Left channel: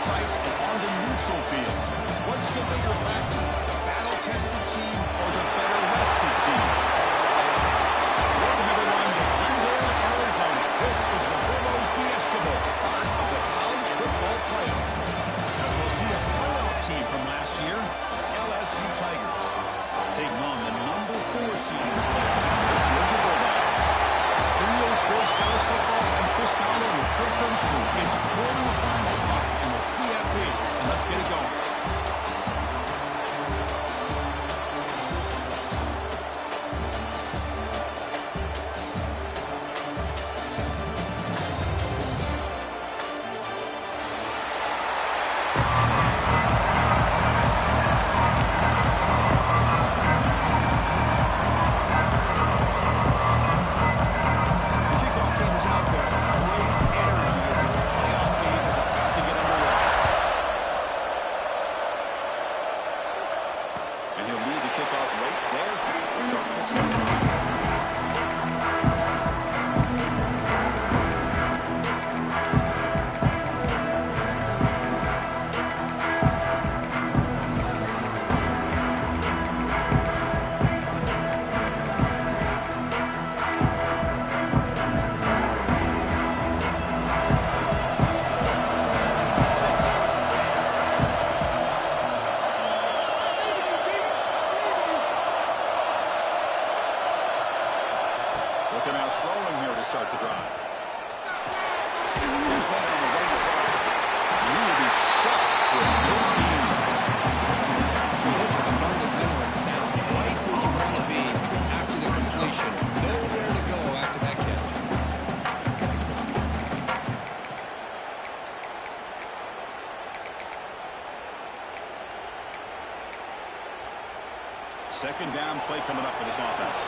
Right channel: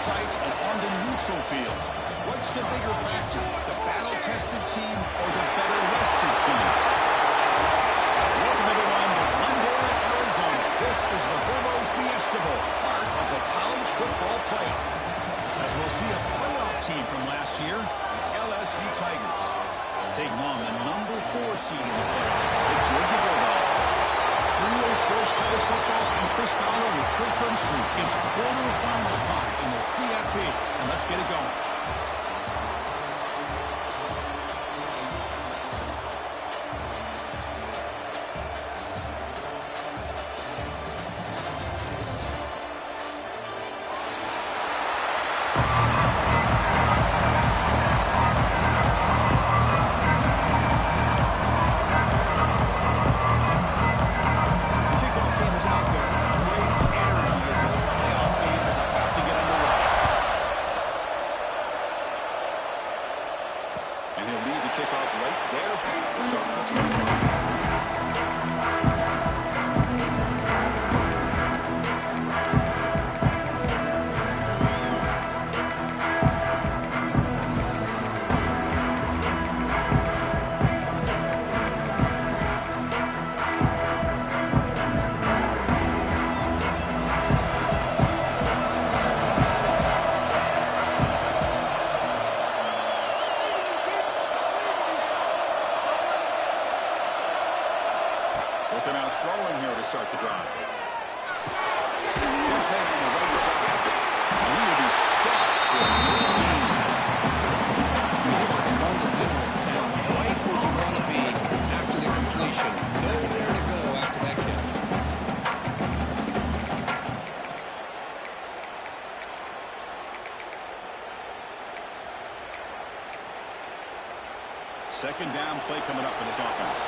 sites and on the neutral fields. What's the bigger factor, the battle-tested team or the better-rested team? Welcome, everyone, to Glendale, Arizona. This is the Fiesta Bowl, part of the college football playoff. As we'll see a playoff team from last year, the LSU Tigers, taking on the number 4 seed in the playoff, the Georgia Bulldogs. EA Sports College Football, I'm Chris Fowler with Kirk Crumbstreet. It's quarterfinal time in the CFB, and let's get it going. Looking out throwing here to start the drive. There's one on the right side. And he will be stuffed for a good game. They're just fundamentally sound. Right where you want to be after the completion. Nowhere to go after that catch. Second down play coming up for this offense.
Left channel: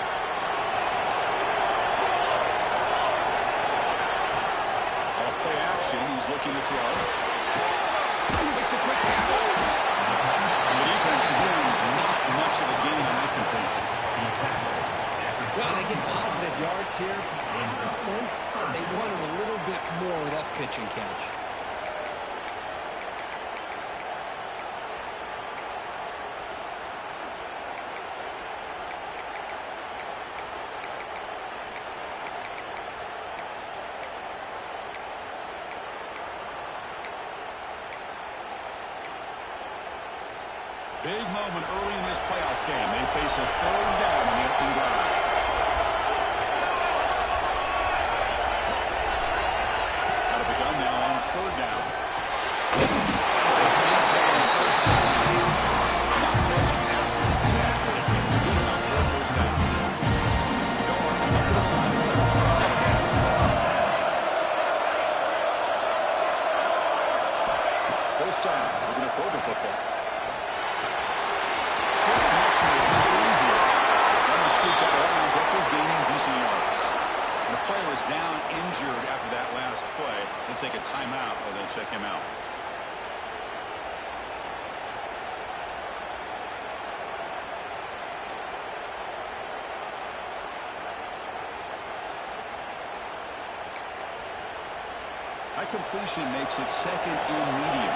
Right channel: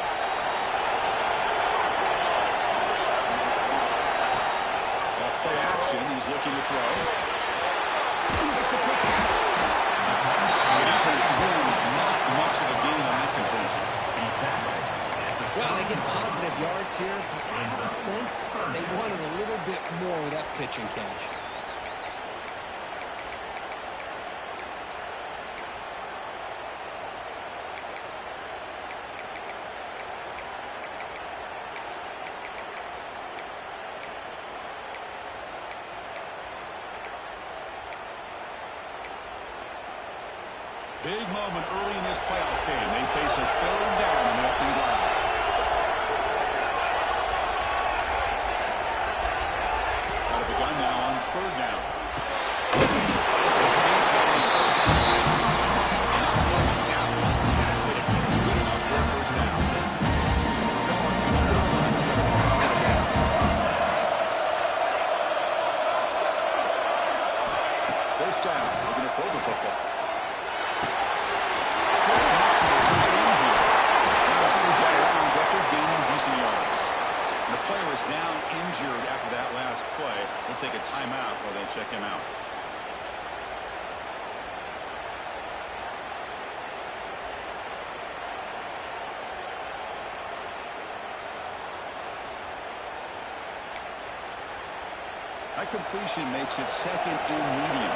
Play action. He's looking to throw. Makes a quick catch. The defense swarms not much of a gain on that completion. Well, they get positive yards here, but I have a sense they wanted a little bit more with that pitch and catch. Big moment early in this playoff game. They face a third down on the opening drive. Out of the gun now on third down. As they maintain on first shots. Not much happening. Catch, but it feels good enough for a first down. Dogs come to the line, set of downs. First down. We're going to throw the football. Short connection to the tight end here. Runner scoots out of bounds after gaining decent yards. And the player is down injured after that last play. They'll take a timeout while they check him out. That completion makes it second and medium.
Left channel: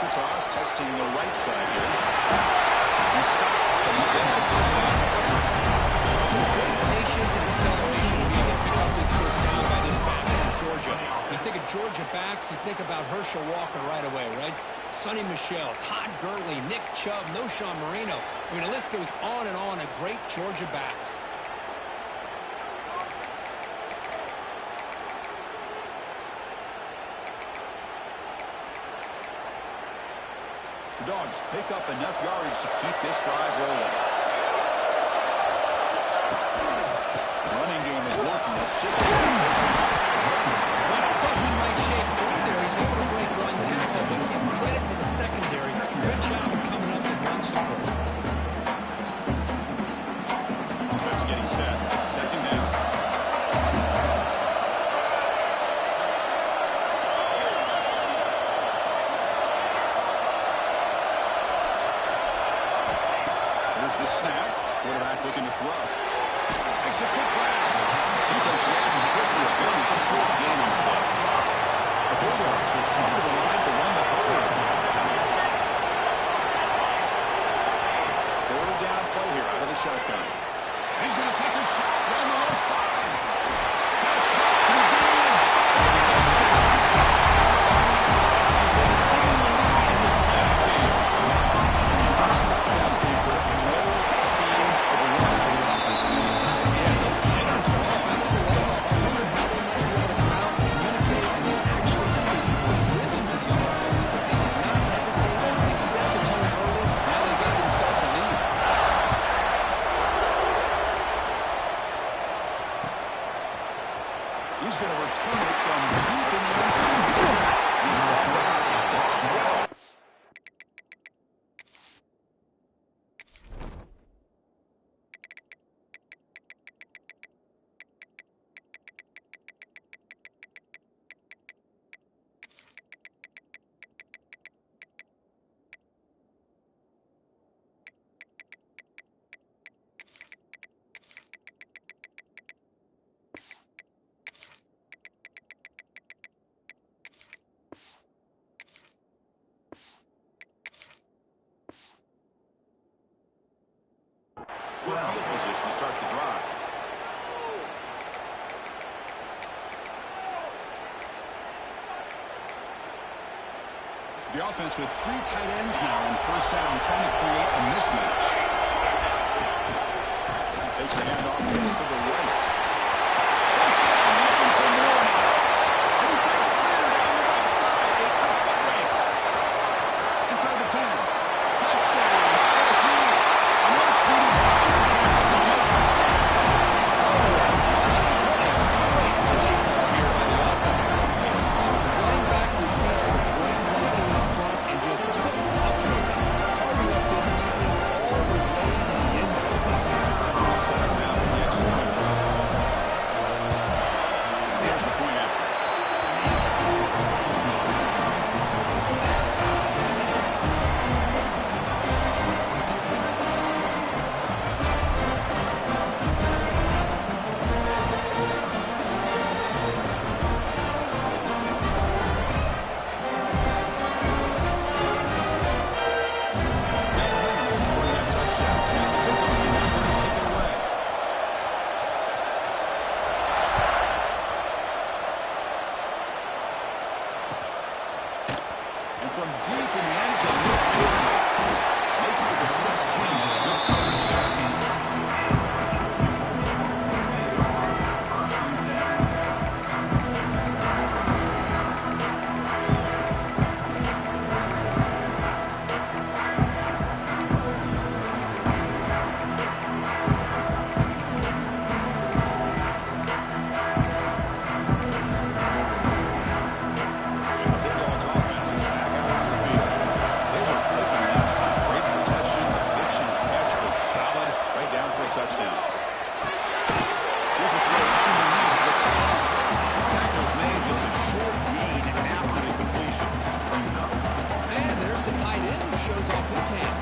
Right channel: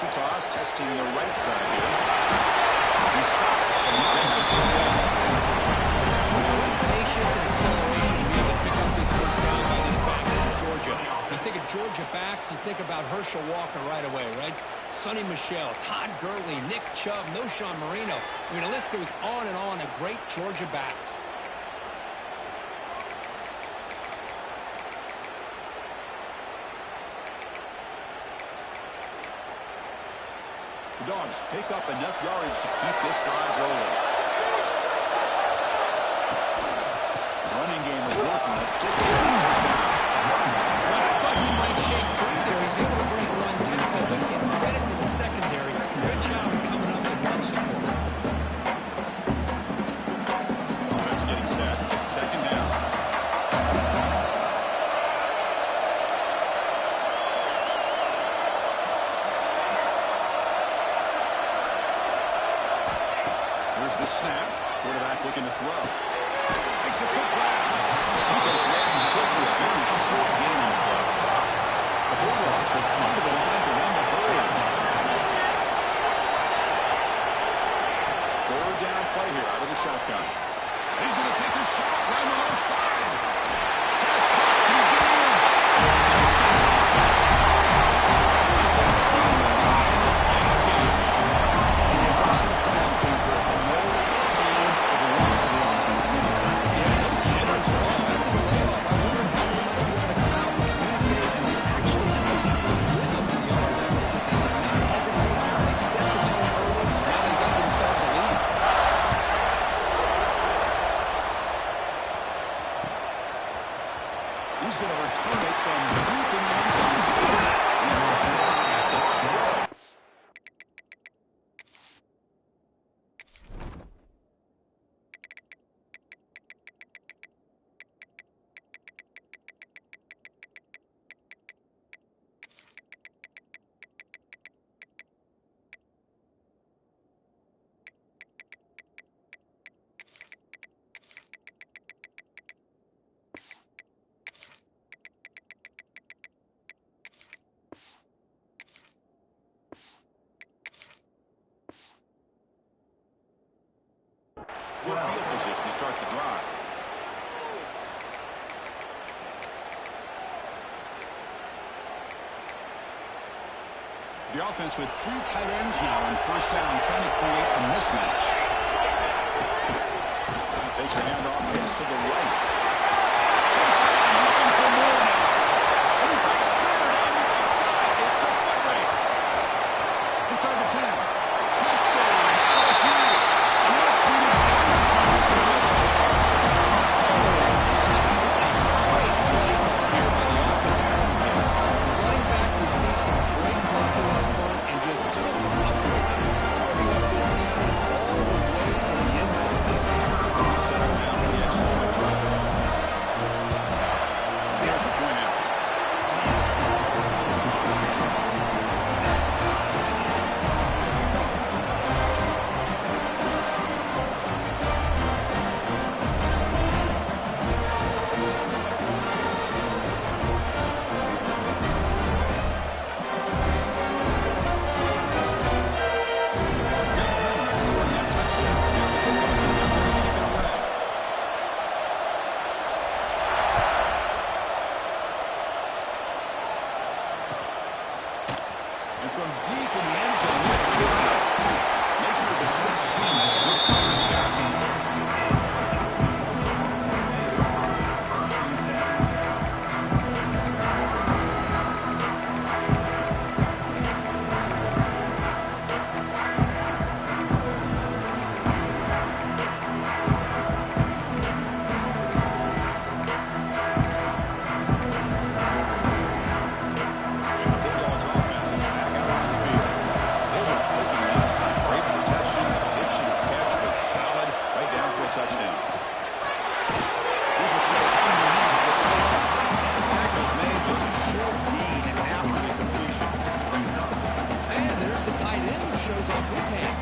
The toss, testing the right side here. He stopped, and he gets a first down. With great patience and acceleration to be able to pick up this first down by this back from Georgia. You think of Georgia backs, you think about Herschel Walker right away, right? Sonny Michel, Todd Gurley, Nick Chubb, Noshawn Marino. I mean, the list goes on and on of great Georgia backs. The Dogs pick up enough yardage to keep this drive rolling. The running game is working. Let's stick with the first down. Well, I thought he might shake free there. He's able to break one tackle, but give credit to the secondary. Good job of coming up and run support. Offense getting set. It's second down. snap. Quarterback looking to throw. Makes a quick grab. Defense reacts quickly. A very short gain on the play. The Bulldogs will come to the line to run the hurry. Third down play here out of the shotgun. He's going to take a shot down the left side. Pass back. Can he get in? Touchdown. As they claim the lead in this playoff game. It's on the playoff game for no signs of a loss for the offense. Yeah, no jitters at all. After the layoff, I wondered how they might be able to come out and communicate and actually just get a rhythm to the offense. But they did not hesitate. They set the tone early. Now they got themselves a lead. He's going to return it from deep in the end zone. He's brought down at the 12. Good field position to start the drive. The offense with 3 tight ends now in first down, trying to create a mismatch. Takes the handoff, gets to the right. First down, looking for more now. And he breaks clear down the right side. It's a foot race. Inside the 10. Touchdown, LSU. A much-needed counterpunch to make. What a great play call here by the offensive coordinator. The running back received some great blocking up front and just took off with it, carving up this defense all the way to the end zone. Set up now for the extra point try. Here's the point after. From deep in the end zone, makes it to the 16. That's good coverage there. Touchdown. Here's a throw underneath the tight end. The tackle's made just a short gain after the completion. And there's the tight end who shows off his hand.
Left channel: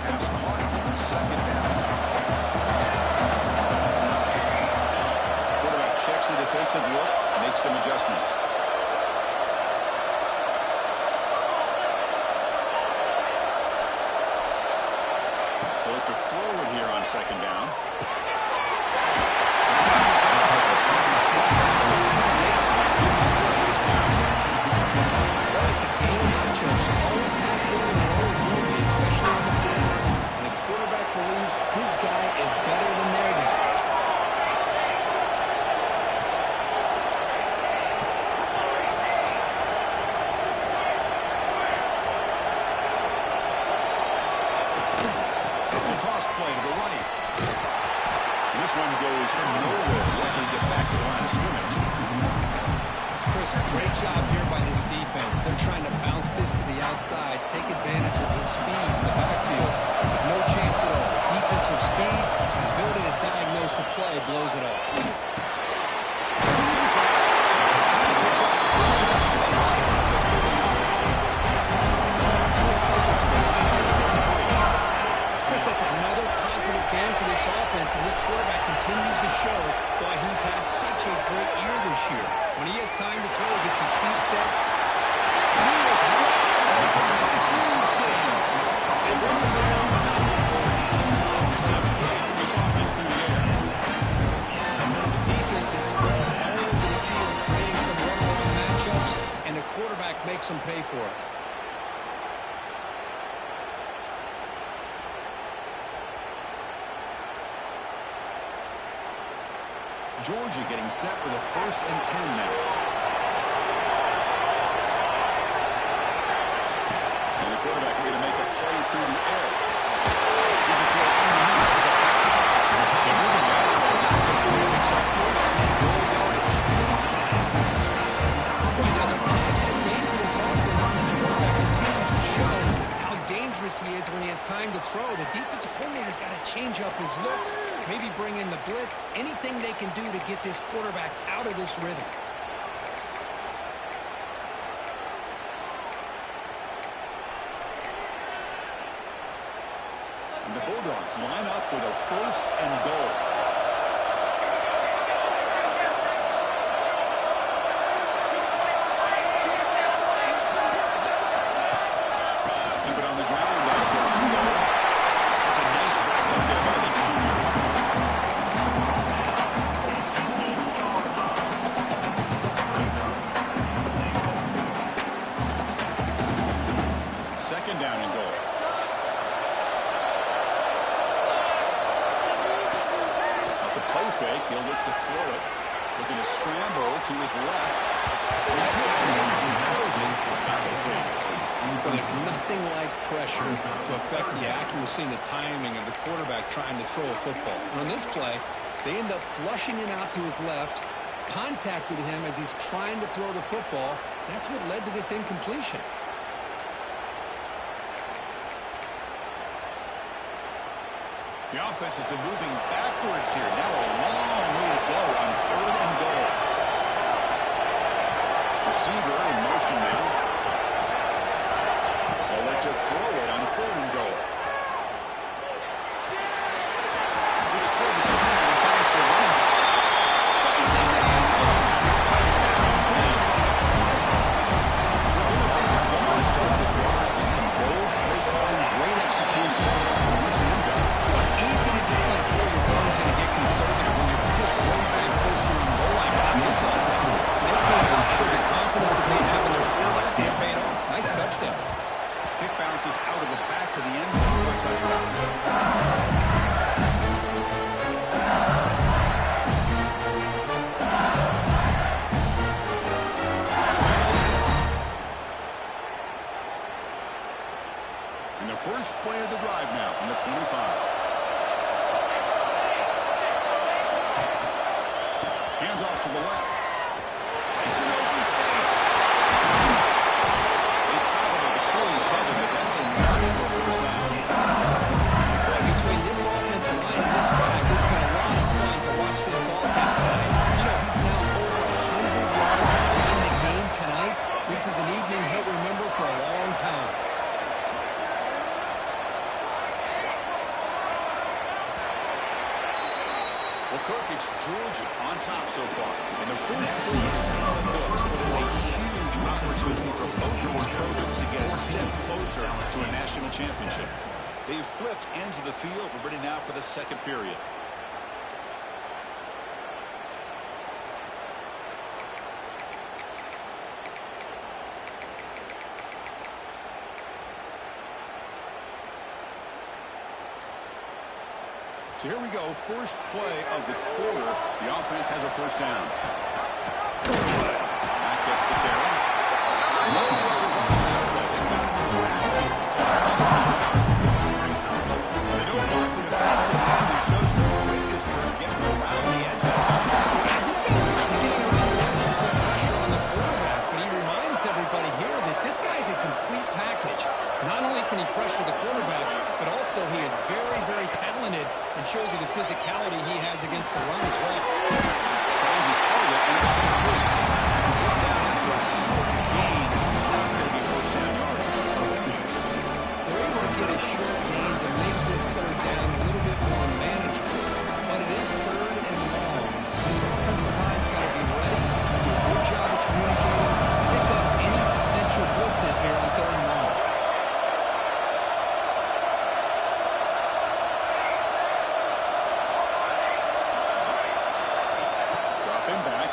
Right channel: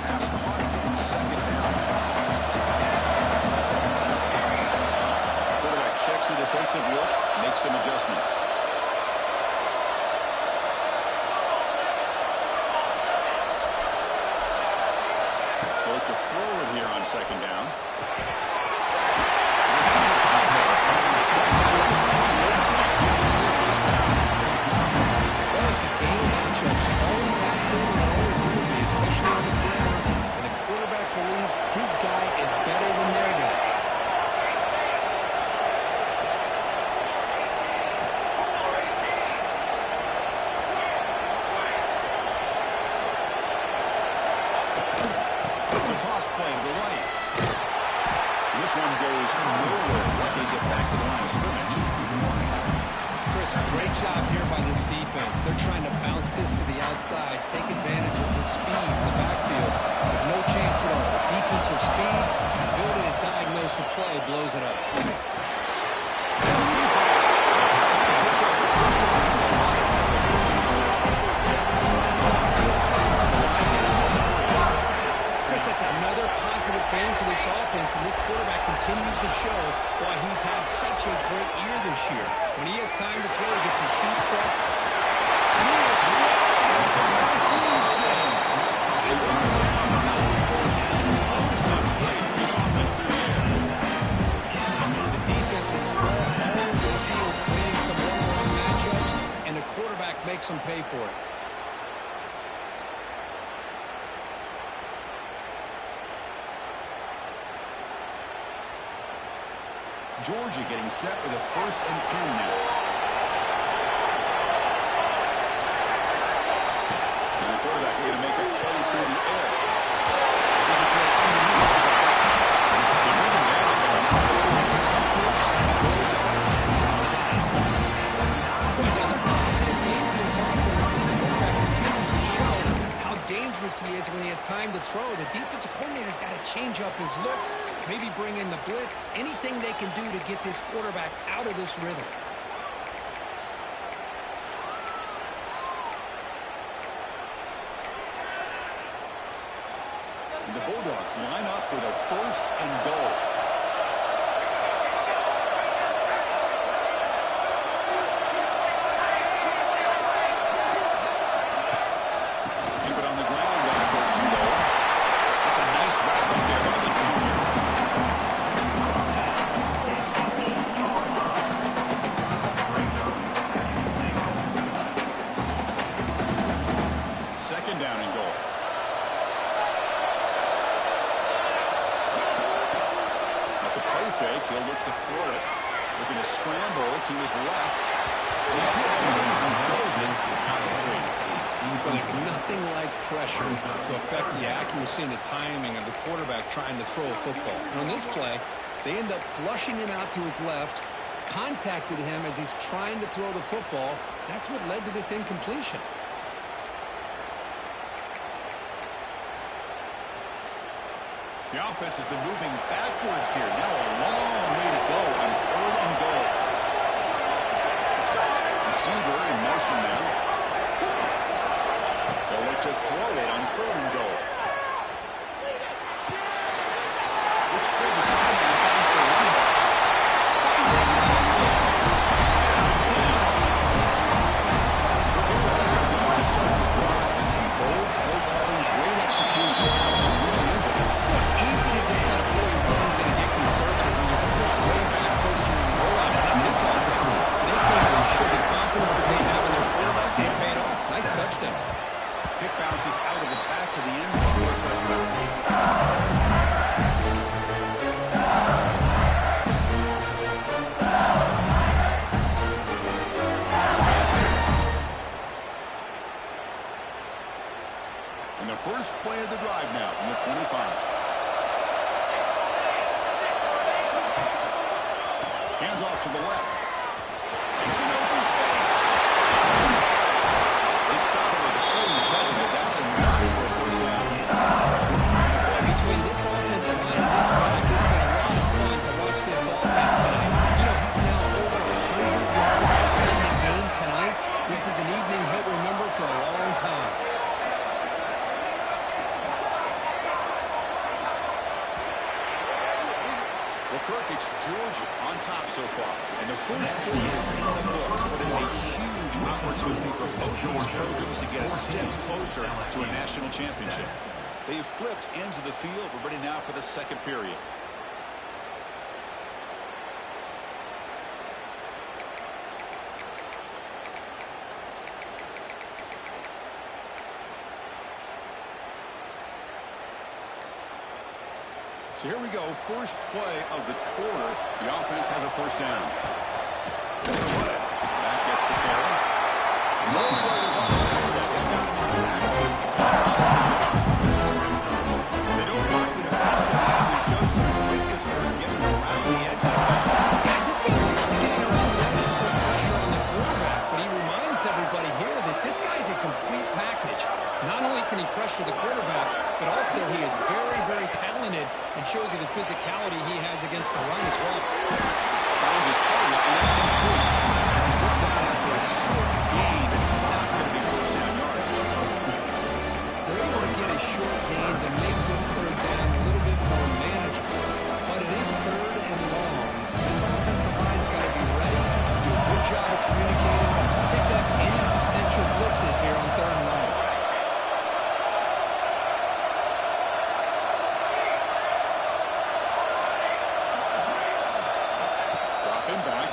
Pass caught on second down. Quarterback checks the defensive look, makes some adjustments. Look to throw it here on second down. Well, it's a game of matchups. Always has been and always will be, especially on the perimeter. And the quarterback believes his guy is better than their guy. Toss play to the right. This one goes nowhere. Lucky to get back to the line of scrimmage. Chris, great job here by this defense. They're trying to bounce this to the outside, take advantage of his speed in the backfield, but no chance at all. The defensive speed, ability to diagnose the play, blows it up. To the line here, sets another positive game for this offense, and this quarterback continues to show why he's had such a great year this year. When he has time to throw, he gets his feet set. And he is wide open for a huge game. And bring him down, but not before an explosive play from this offense through the air. The defense is spread all over the field, creating some one-on-one matchups, and the quarterback makes them pay for it. Georgia getting set with a 1st and 10 now. And the quarterback going to make a play through the air. Here's a throw underneath to the back. They move him down before he picks up 1st and goal yardage. 9. Another positive game for this offense. This quarterback continues to show how dangerous he is when he has time to throw. The defensive coordinator's got to change up his looks, maybe bring in the blitz, anything they can do to get this quarterback out of this rhythm. And the Bulldogs line up with a 1st and goal. Keep it on the ground on 1st and goal. That's a nice wrap up there by the junior. Second down and goal. Off the play fake, he'll look to throw it. Looking to scramble to his left. He's hit and throws it. Not complete. Well, there's nothing like pressure to affect the accuracy and the timing of the quarterback trying to throw a football. And on this play, they end up flushing him out to his left, contacted him as he's trying to throw the football. That's what led to this incompletion. The offense has been moving backwards here. Now a long way to go on 3rd and goal. Receiver in motion now. They'll look to throw it on 3rd and goal. Looks toward the sideline and finds the running back. Finds into the end zone. Touchdown, Bulldogs. They're done to start the drive and some bold play calling, great execution. Here's the end zone. Well, it's easy to just kind of pull your bones in and get conservative when you're pushed way back close to your own goal line. But not this offense. They came out, showed the confidence that they have in their quarterback. They paid off. Nice touchdown. Kick bounces out of the back of the end zone for a touchdown. And the first play of the drive now from the 25. Hands off to the left. Makes an open space. They stop him at the 47, but that's enough for a 1st down. Boy, between this offensive line and this back, it's been a lot of fun to watch this offense tonight. You know, he's now over 100 yards in the game tonight. This is an evening he'll remember for a long time. Well, Kirk, it's Georgia on top so far. And the first quarter is in the books, but it's a huge opportunity for both these programs to get a step closer to a national championship. They've flipped ends of the field. We're ready now for the second period. So here we go, first play of the quarter. The offense has a 1st down. Back gets the carry. Nowhere to run that play. They've got him in the backfield. It's all they don't block the defensive end and show some quickness for getting around the edge that time. Yeah, this guy's usually getting around the edge to put pressure on the quarterback, but he reminds everybody here that this guy's a complete package. Not only can he pressure the quarterback, but also he is very, very talented and shows you the physicality he has against the run as well. Finds his target, and it's complete. He's brought down after a short gain. It's not going to be 1st down yardage. They're able to get a short gain to make this 3rd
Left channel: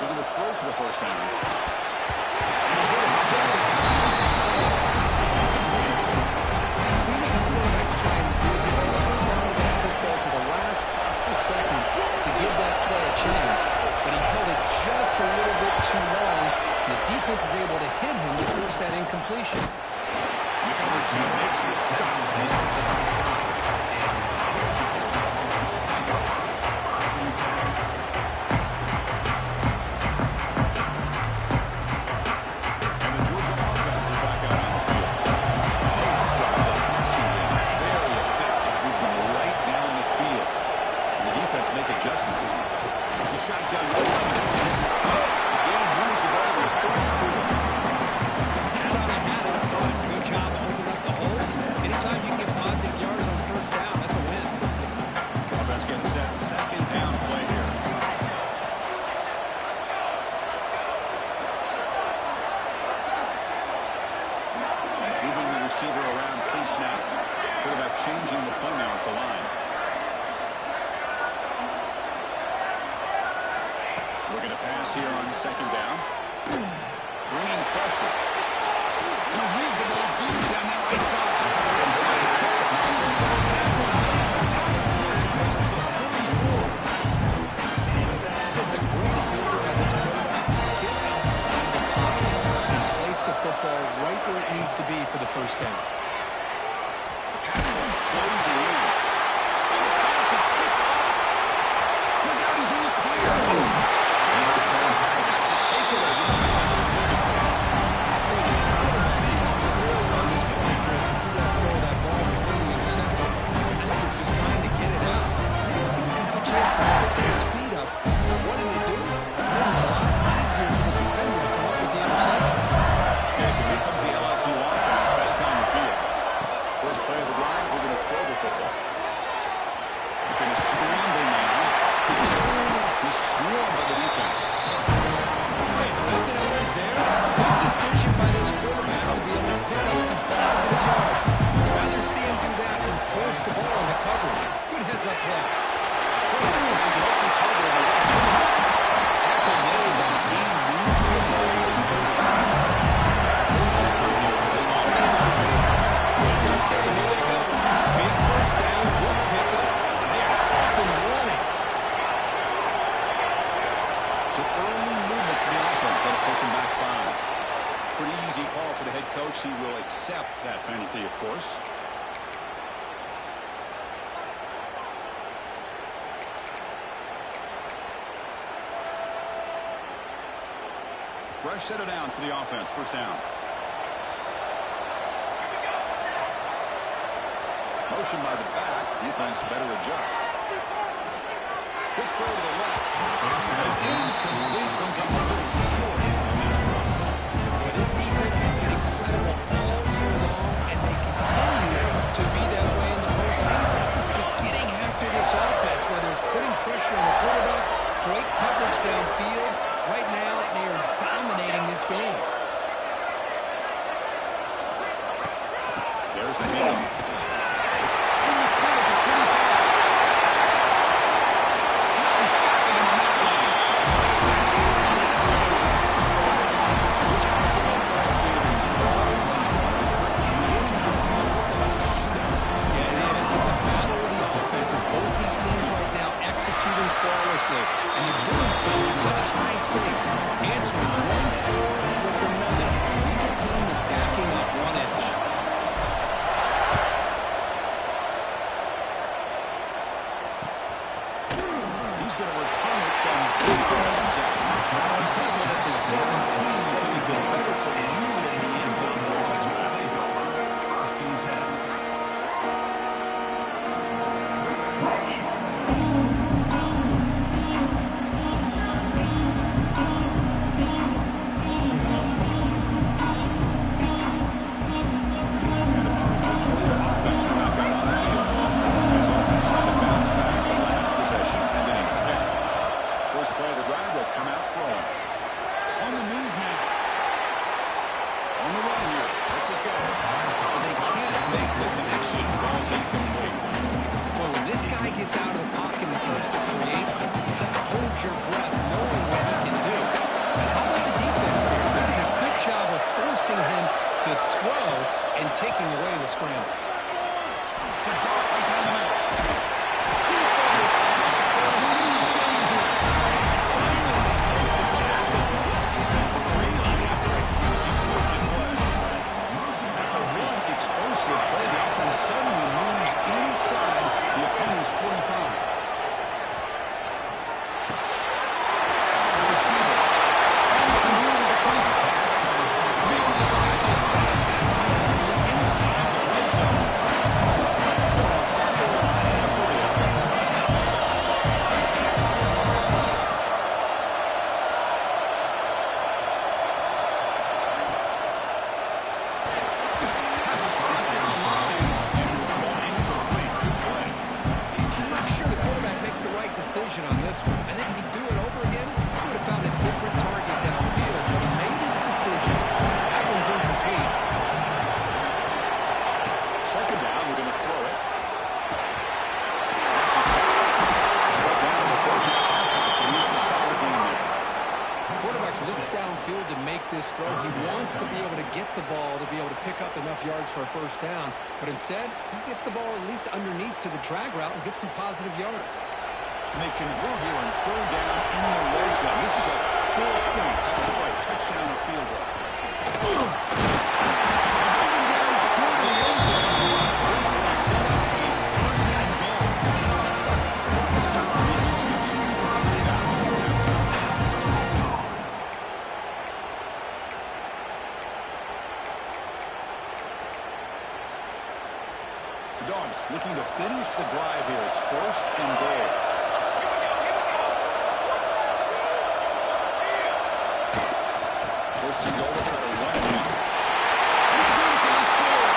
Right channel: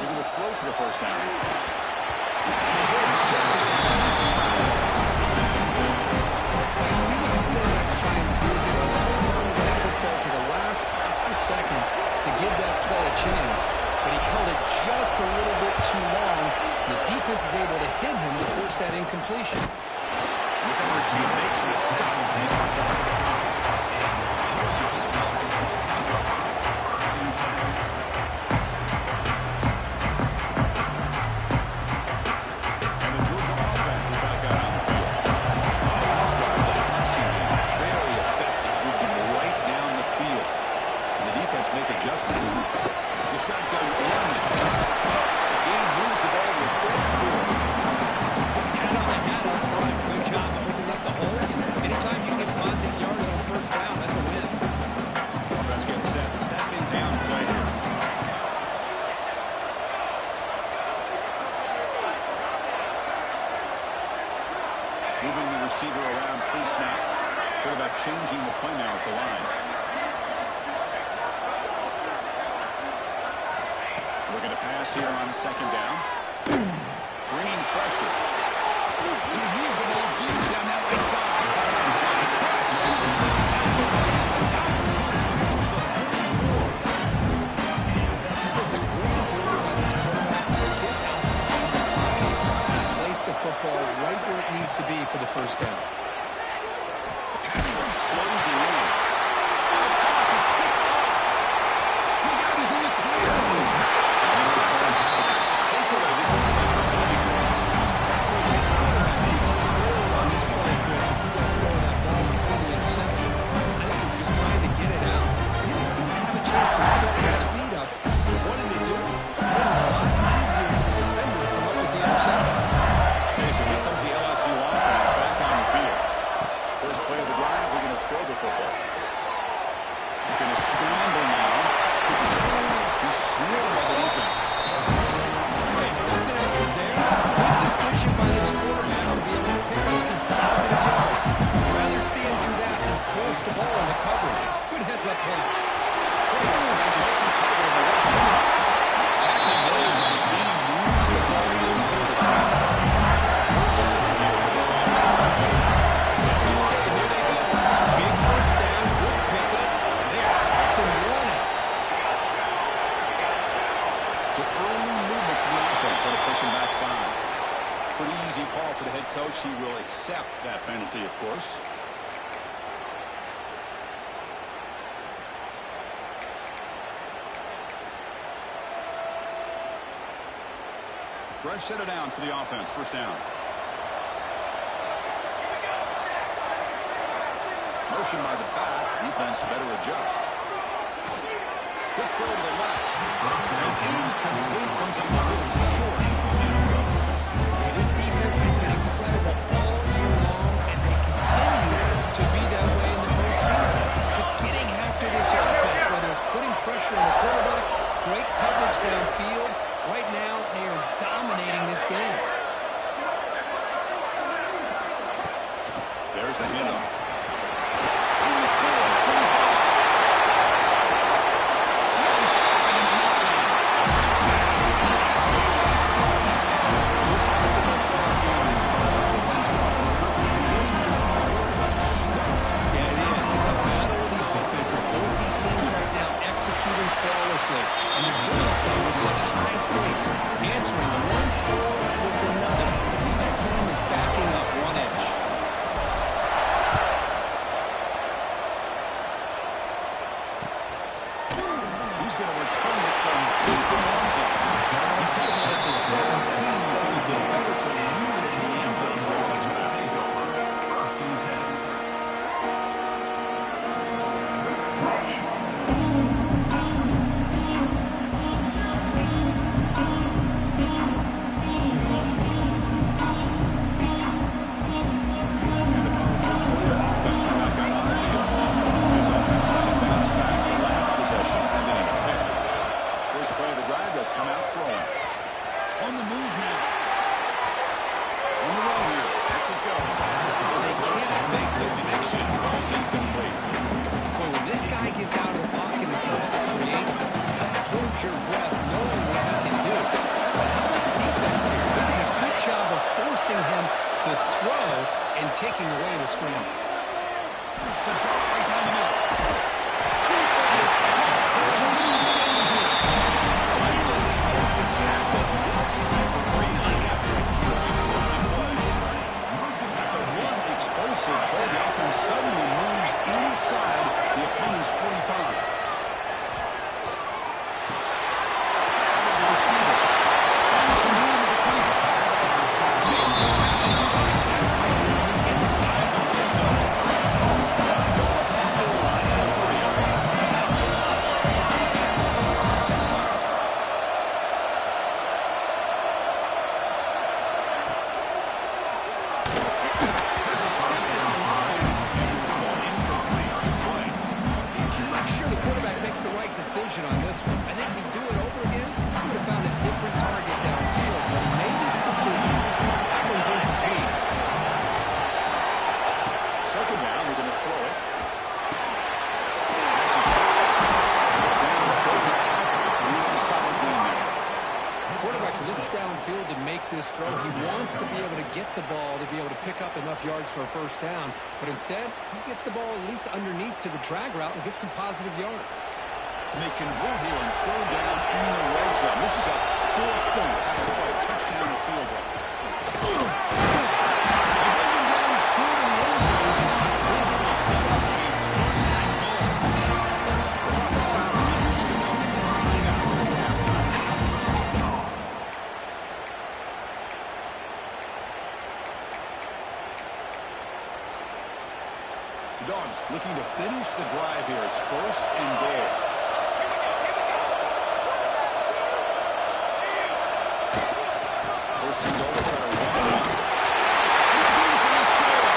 looking to throw for the first down. I see what the quarterback's trying to do here. He's holding on to that football to the last possible second to give that play a chance. But he held it just a little bit too long. The defense is able to hit him to force that incompletion. The coverage team makes the stop. He's returned. Make adjustments. It's a shotgun run. The game moves the ball to a 34. Hat on a hat up front. Good job opening up the holes. Anytime you get positive yards on first down, that's a win. Offense getting set. Second down play here. Moving the receiver around pre-snap. Quarterback changing the play now at the line. Looking to pass here on second down. Bringing pressure. He'll leave the ball deep down that right side. What a catch. Tackle made. Reaches the 44. There's a great ability by this quarterback to get outside the pocket and place the football right where it needs to be for the first down. The pass rush closing in. Oh, the pass is picked off. Look out, he's in the clear. He steps up. That's the takeaway this defense was looking for. Boy, the quarterback needs control on this play, Chris, as he lets go of that ball before the interception. I think he was just trying to get it out. He didn't seem to have a chance to set his feet up. What did they do? It made it a lot easier for the defender to come up with the interception. Okay, so here comes the LSU offense back on the field. First play of the drive, we're going to throw the football. We're going to scramble now. He's swarmed by the defense. Hey, if nothing else is there, good decision by this quarterback to be able to pick up some positive yards. I'd rather see him do that than force the ball into coverage. Good heads-up play. Finds an open target on the left side. Tackle made, but the game moves the ball to the 30. First down here for this offense. Okay, here they go. Big first down, good pickup, and they are off and running. So early movement for the offense. That'll push him back 5. Pretty easy call for the head coach. He will accept that penalty, of course. Fresh set of downs for the offense. First down. Motion by the back. Defense better adjust. Quick throw to the left. As incomplete, comes up a little short on that throw. Boy, this defense has been incredible all year long, and they continue to be that way in the postseason. Just getting after this offense, whether it's putting pressure on the quarterback, great coverage downfield. Right now, they are dominating this game. There's the handoff. In the clear at the 25. Now he's stopping him on that line. Touchdown, LSU. This college football playoff game is all tied up. It's beginning to feel like a shootout. Yeah, it is. It's a battle of the offenses. Both these teams right now executing flawlessly, and they're doing so with such high stakes, answering one score with another. Neither team is backing up one inch. He's going to return it from deep in the end zone. He's tackled at the 17, so he's been better to leave it in the end zone for a touchback. Come out throwing. On the move now. On the run here. Lets it go. But they can't make the connection. Ball's incomplete. Boy, when this this guy gets out of the pocket and starts to create, you got to hold your breath knowing what he can do. But how about the defense here? They did a good job of forcing him to throw and taking away the scramble. It's a dart right down the middle. Deep on his head. Huge game here. Finally, they make the tackle. His defense reeling after a huge explosive play. After one explosive play, the offense suddenly moves inside the opponent's 45. The receiver. And some room at the 25. Made the tackle back and moving inside the red zone. Dogs to the line and a hurry up. Passes tipped in the line and will fall incomplete. Good play. I'm not sure the quarterback makes the right decision on this one. I think if he'd do it over again, he would have found a different target downfield, but he made his decision. That one's incomplete. Second down, we're going to throw it. Passes down the broken tackle. Produces a solid game there. The quarterback looks downfield to make this throw. He wants to be able to get the ball to be able to pick up enough yards for a first down, but instead, he gets the ball at least underneath to the drag route and gets some positive yards. And they convert here on third down in the red zone. This is a 4-point type of play, touchdown or field goal. They bring him down short of the end zone. This will set up a first and goal. The clock is stopped. We reached the 2-minute timeout before halftime. The Dogs looking to finish the drive here. It's first and goal. First and goal, we'll try to run it out. He's in for the score.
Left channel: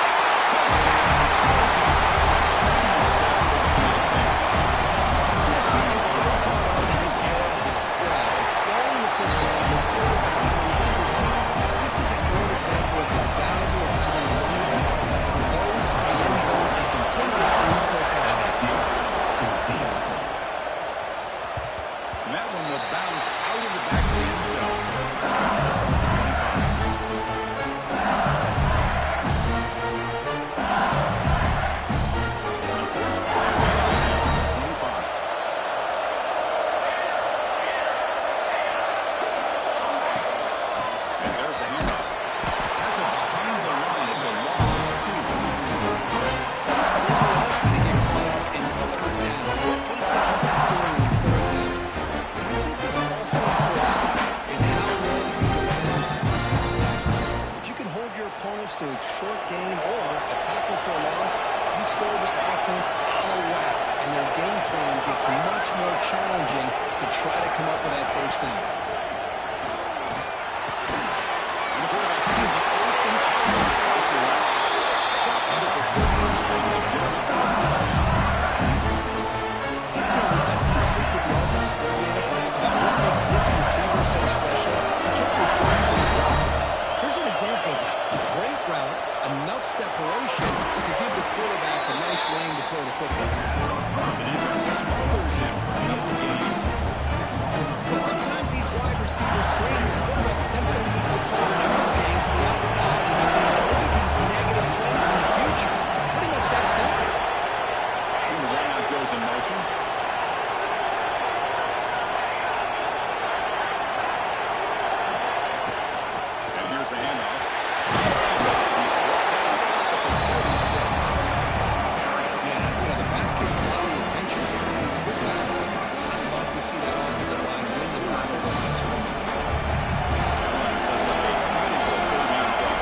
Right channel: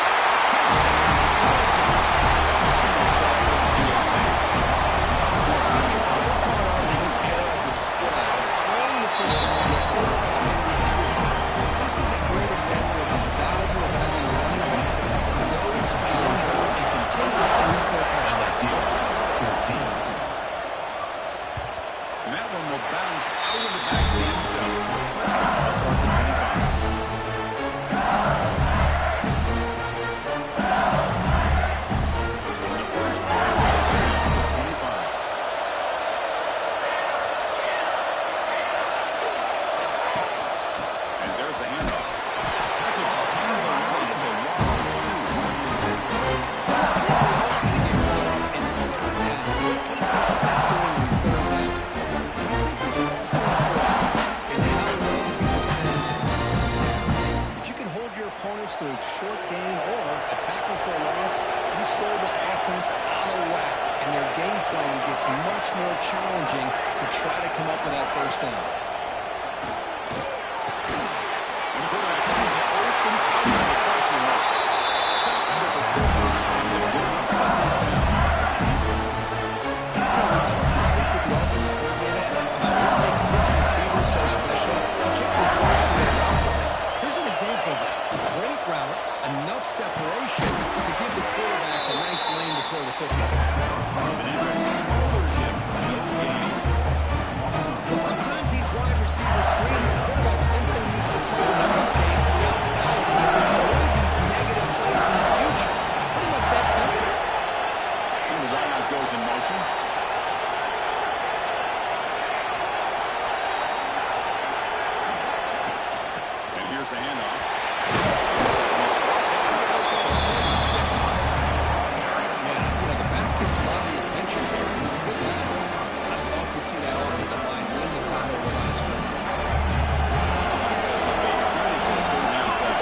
Touchdown, Georgia. Set up with the field team. Chris, we get so caught up in this era of the spread, of throwing the football, the quarterback, and the receivers. This is a great example of the value of having a running back that has a nose for the end zone and can take it in for a touchdown. And that one will bounce out of the back of the end zone. So a touchback will start the 25. And the first play of the drive now for the 25. And there's the handoff. Tackled behind the line. It's a loss of 2. I think we all kind of get caught up in third down. What is the offense doing on third down? But I think what's also important is how well you defend first down. If you can hold your opponents to a short gain or a tackle for a loss, you throw the offense out of whack, and their game plan gets much more challenging to try to come up with that first down. And the quarterback finds an open target for the passing route. Stop out at the 39 and get enough for a first down. You know, we talked this week with the offensive coordinator about what makes this receiver so special. He kept referring to his route running. Here's an example of that. A great route, enough separation to give the quarterback a nice lane to throw the football. The defense smothers him for no gain. Well, sometimes these wide receiver screens, the quarterback simply needs to play the numbers game to the outside, and you can avoid these negative plays in the future. Pretty much that simple. And the wideout goes in motion. And here's the handoff. He's brought down out at the 46. Yeah, you know, the back gets a lot of the attention here. It was a good battle. I'd love to see that offensive line win the battle over high school. That line sets up a critical third down play.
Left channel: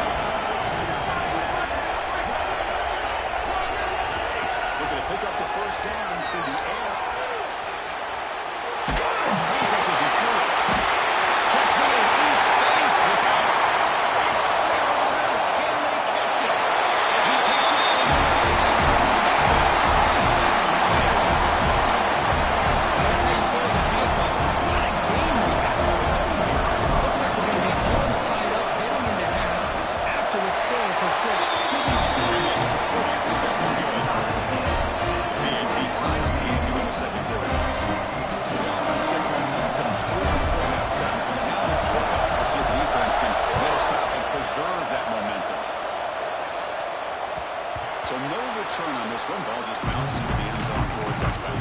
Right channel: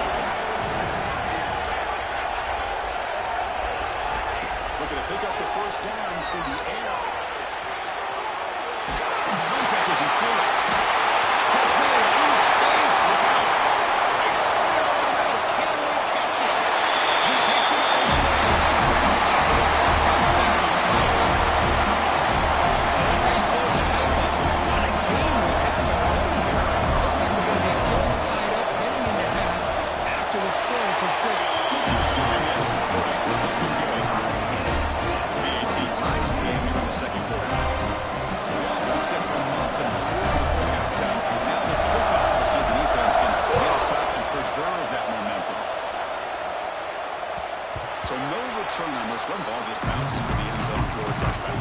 Looking to pick up the first down through the air. Contact as he threw it. Catch made in space. Look out. It's clear over the middle. Can they catch it? He takes it all the way. They couldn't stop it. Touchdown, Tigers. That's how you close a half up. What a game we have already here. Looks like we're going to get all tied up heading into half after the throw for 6. And the extra point was up and good. The BAT ties the just bounces into the end zone for a touchback.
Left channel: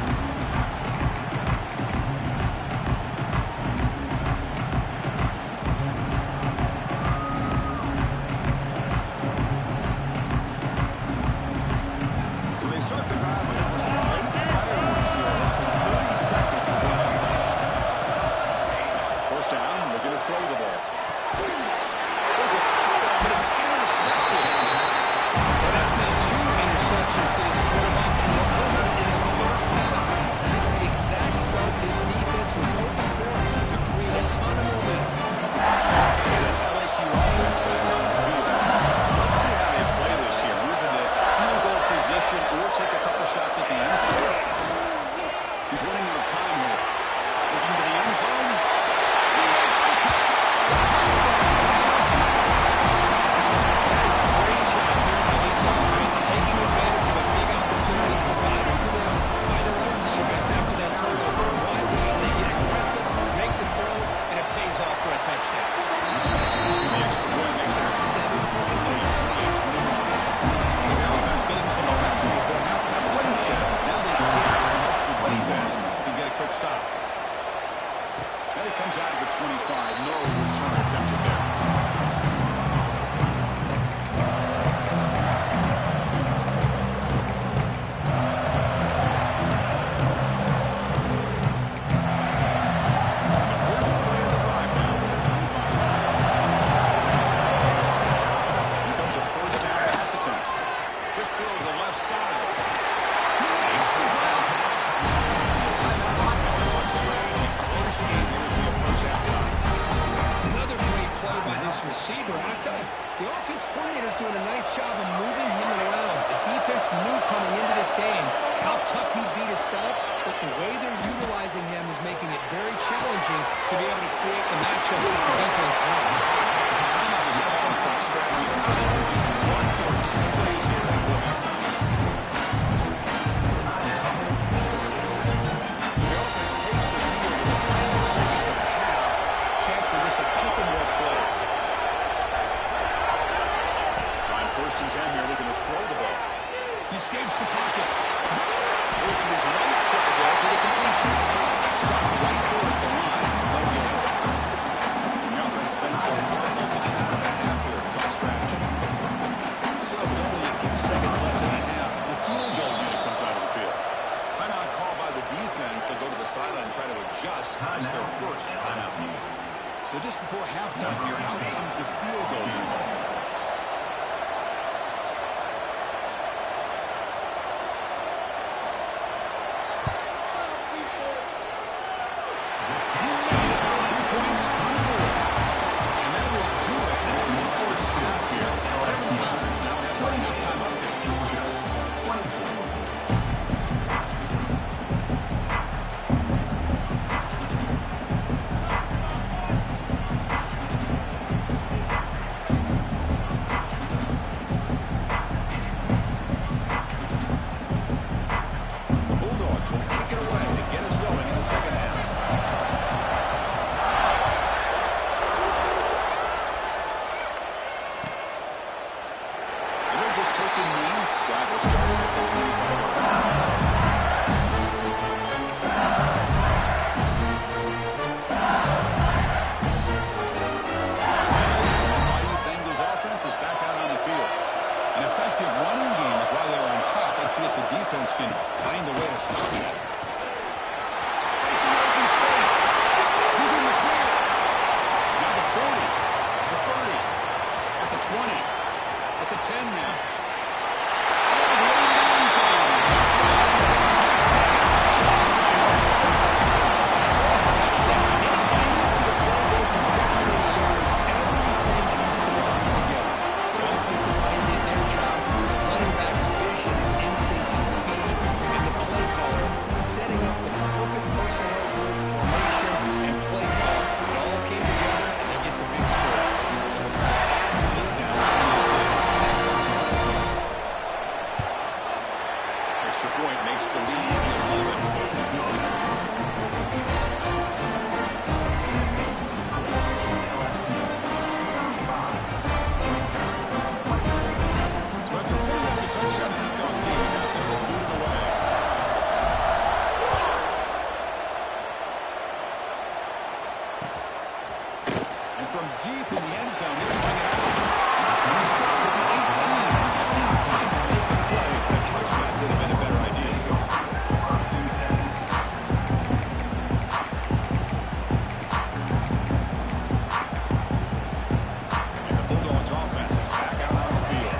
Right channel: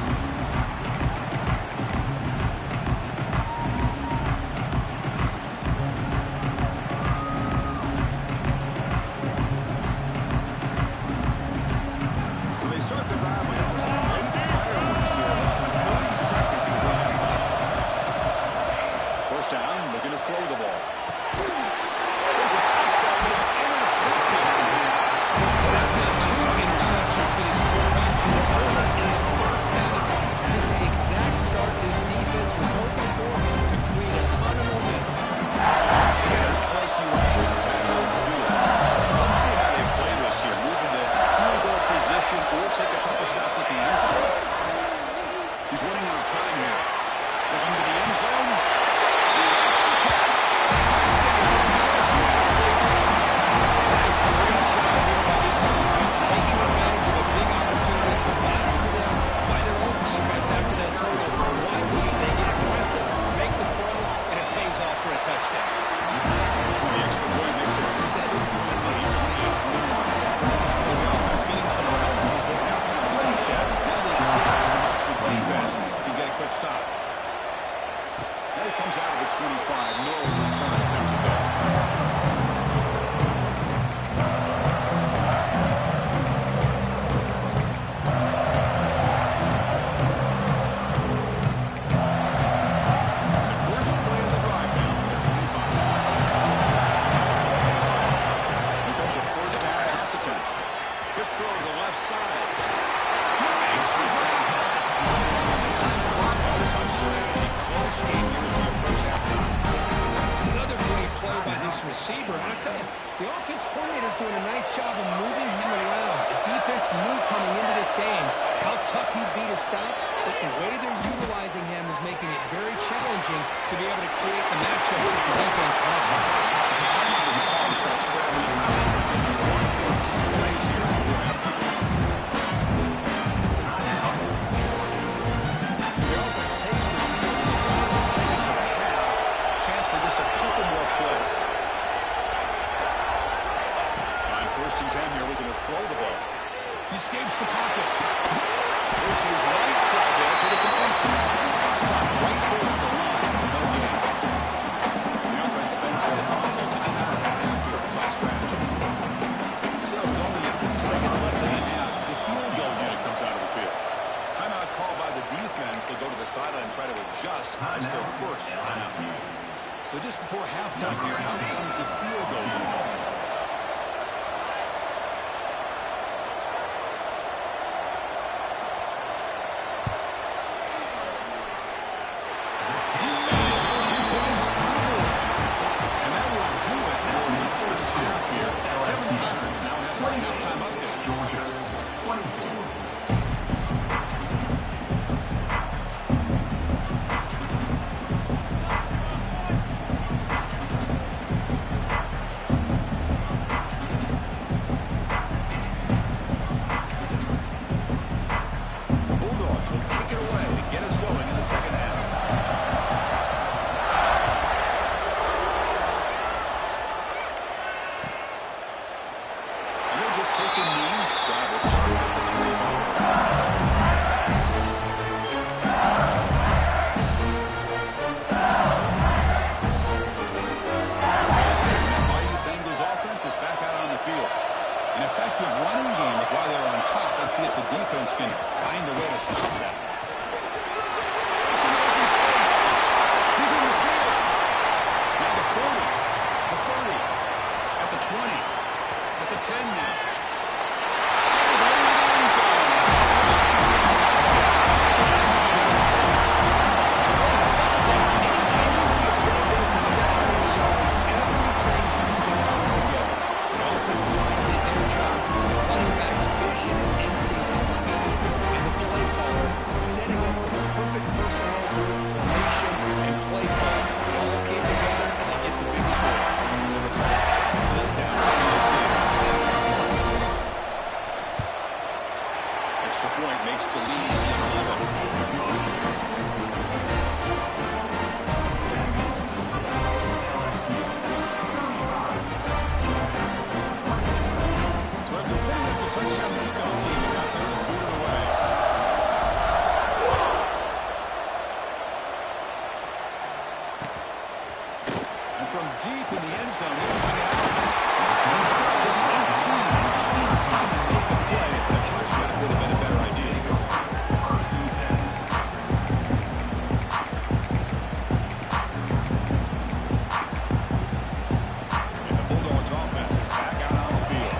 Start the drive with some late fireworks here. Less than 30 seconds before halftime. First down, looking to throw the ball. There's a fastball, but it's intercepted. Well, that's now 2 interceptions for this quarterback, and they're only in the first half. This is the exact start this defense was hoping for to create a ton of momentum. There's an LSU offense back on the field. Let's see how they play this year. Moving the field goal position or take a couple shots at the end zone. He's running out of time here. Looking to the end zone. He makes the catch. Touchdown, LSU. That is a great job here by this offense, taking advantage of a big opportunity provided to them by their own defense after that turnover. Why wait? They get aggressive, make the throw, and it pays off for a touchdown. The extra point makes it a 7-point lead, 28-21. So the offense getting some momentum before halftime of the touchdown. Now they kick off and hopes the defense can get a quick stop. Now he comes out of the 25. No return attempted there. Receiver, and I tell you, the offense coordinator is doing a nice job of moving him around. The defense knew coming into this game how tough he'd be to stop, but the way they're utilizing him is making it very challenging to be able to create the matchups that the defense wants. Timeout is a call to strategy time for just 1 or 2 plays here before halftime. So the offense takes the field in the final seconds of the half. Chance for just a couple more plays. First and 10 here, looking to throw the ball. He escapes the pocket. Goes to his right side there for the completion. Stopped right there at the line. No gain. The offense spends their final timeout of the half here to talk strategy. So with only a few seconds left in the half, the field goal unit comes out of the field. Timeout called by the defense. They'll go to the sideline and try to adjust. It's their first timeout. So just before halftime here, out comes the field goal unit. Just take a knee. Drive will start at the 25-yard line. That Bayou Bengals offense is back out on the field. An effective running game is why they're on top. Let's see if the defense can find a way to stop that. Makes an open space. He's in the clear. Now the 40, the 30, at the 20. At the 10 now. All the way to the end zone. Touchdown. Anytime you see a play go for that many yards, everything has to come together. The offensive line did their job. The running back's vision and instincts and speed. And the play caller setting up the perfect personnel group, formation, and play call. It all came together, and they get the big score. And the try to add the lead down to 10. Extra point makes the lead 11. So after putting up the touchdown, the kickoff team is out there to boot it away. zone. He'll bring it out. And he stopped at the 18. Trying to make a play, but a touchback would have been a better idea. And the Bulldogs offense is back out on the field.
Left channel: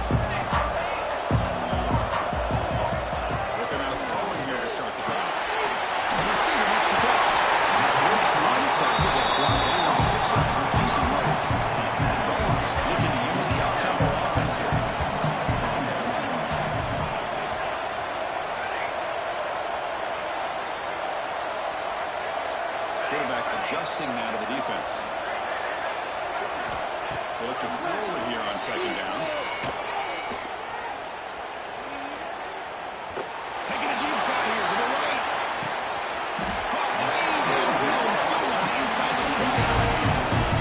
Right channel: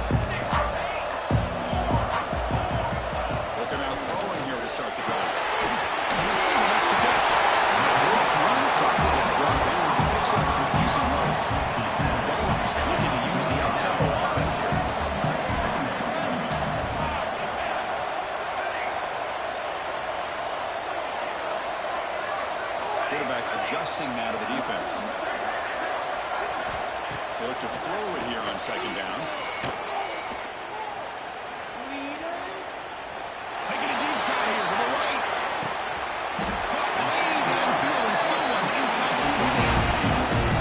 Looking out throwing here to start the drive. And the receiver makes the catch. Breaks one tackle, gets brought down, picks up some decent yards. Dogs looking to use the up-tempo offense here. Quarterback adjusting now to the defense. They look to throw it here on second down. Taking a deep shot here to the right. Caught way downfield and still one inside the 20.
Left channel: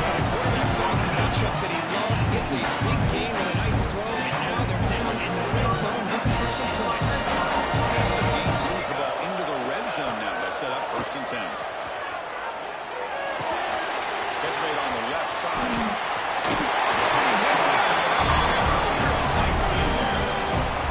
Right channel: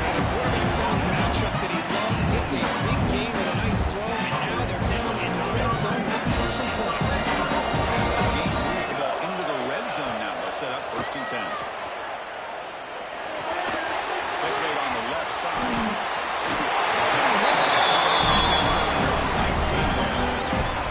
Now the quarterback found a matchup that he loved. Gets a big gain with a nice throw, and now they're down in the red zone looking for some points. Massive gain moves the ball into the red zone now. They'll set up 1st and 10. Catch made on the left side. Nice game there.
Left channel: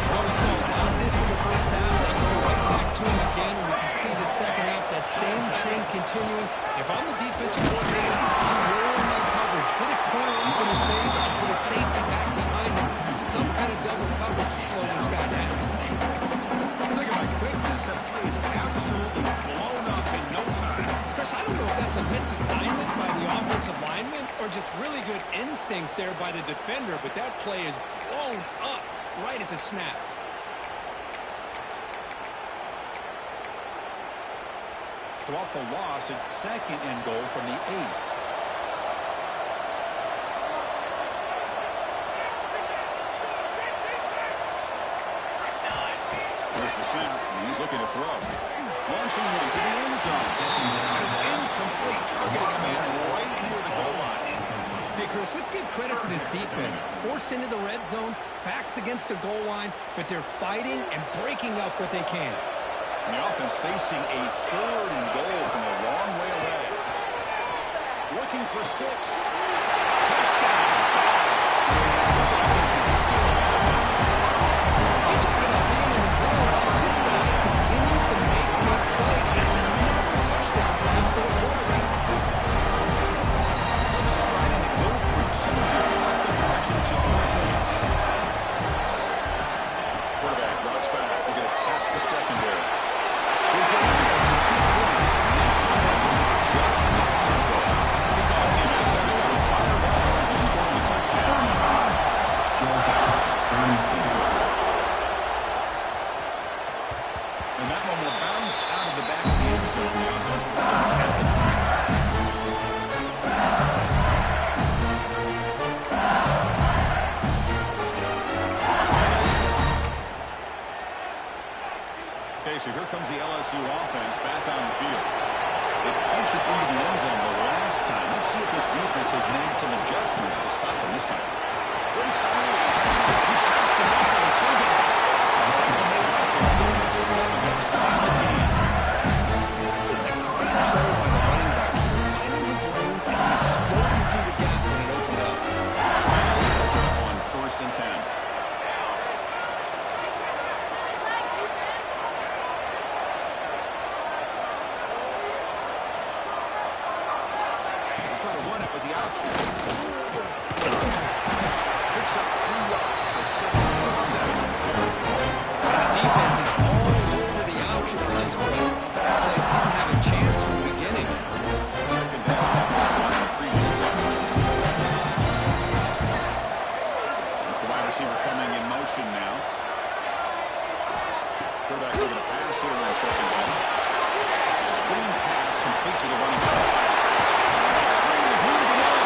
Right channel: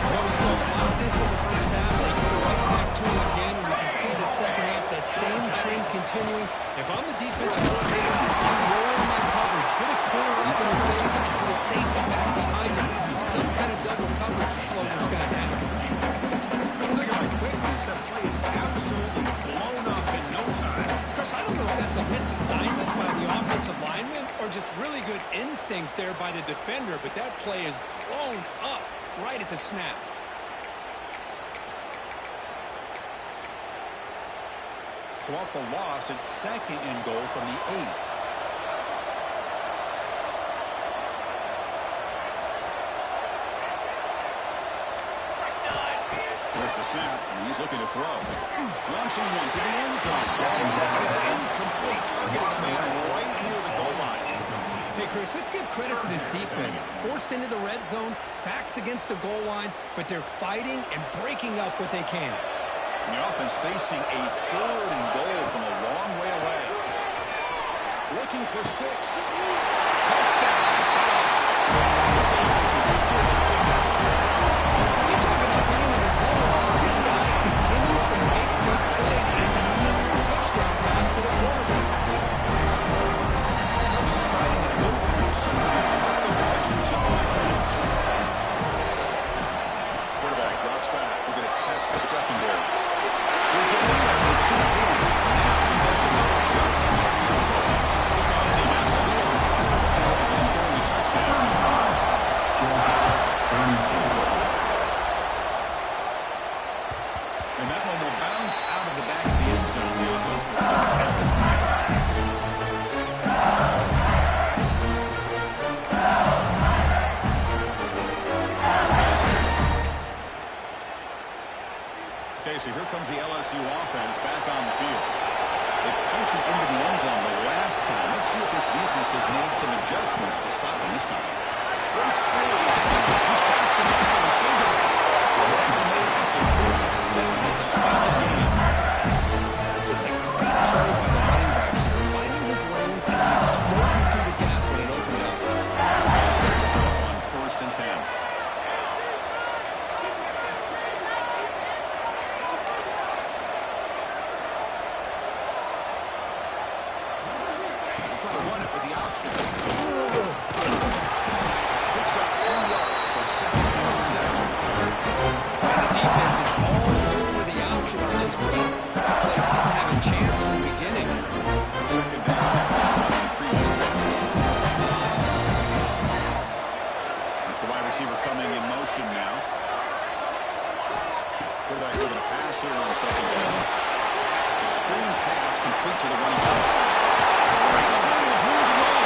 Well, we saw a lot of this in the first half. They go right back to him again. We can see the second half, that same trend continuing. If I'm the defensive coordinator, I'm rolling my coverage. Get a corner up in his face and put a safety back behind him. Some kind of double coverage to slow this guy down. Look at my quickness. That play is absolutely blown up in no time. Chris, I don't know if that's a misassignment by the offensive lineman or just really good instincts there by the defender, but that play is blown up right at the snap. So off the loss, it's 2nd and goal from the 8. There's the snap, and he's looking to throw. Launching one to the end zone. And it's incomplete, targeting a man right near the goal line. Hey, Chris, let's give credit to this defense. Forced into the red zone, backs against the goal line, but they're fighting and breaking up what they can. And the offense facing a 3rd and goal from a long way away. Looking for 6. Touchdown. This offense is still clicking. You talk about being in the zone. This guy continues to make big plays. It's another touchdown pass for the quarterback. Cubs deciding to go for 2 to cut the margin to 9 points. Quarterback drops back. We're going to test the secondary. We'll get in there for 2 points. Now the deficit just not going to go. Kickoff team out there. They are fired up after scoring a touchdown. And that one will bounce out of the back of the end zone. The offense will start at the 25. Okay, so here comes the LSU offense back on the field. They punched it into the end zone the last time. Let's see if this defense has made some adjustments to stop him this time. Breaks free. He's past the mark and still going. Tackle made at the 47. It's a solid game. Just a great play by the running back here, finding his lanes and then exploding through the gap when it opened up. He's set up on 1st and 10. Try to run it with the option. Picks up 3 yards, so 2nd and 7. And the defense is all over the option on this play. That play didn't have a chance from the beginning. 2nd down after running the previous play. That's the wide receiver coming in motion now. Quarterback looking to pass here on 2nd down. It's a screen pass complete to the running back. Breaks free with room to run.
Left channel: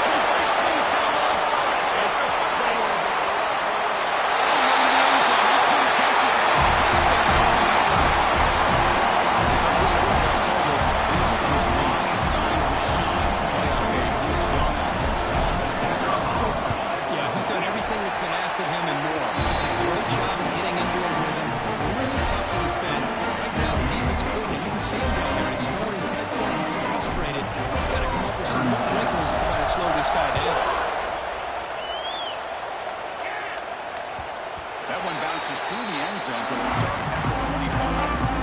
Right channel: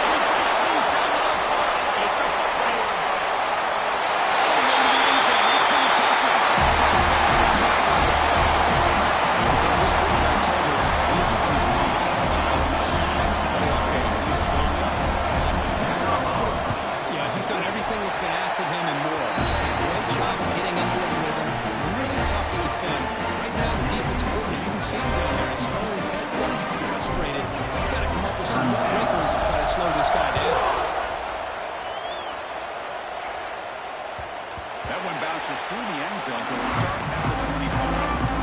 And he breaks loose down the left side. It's a foot race. Going into the end zone. He couldn't catch it. Touchdown, Tigers. Because this quarterback told us this is my time to shine. Playoff game. He has gone out and had it up so far. Yeah, he's done everything that's been asked of him and more. He's done a great job of getting into a rhythm. Really tough to defend. Right now, the defensive coordinator, you can see him down there. He's throwing his head said he's frustrated. He's got to come up with some wrinkles to try to slow this guy down. That one bounces through the end zone, so they'll start at the 25.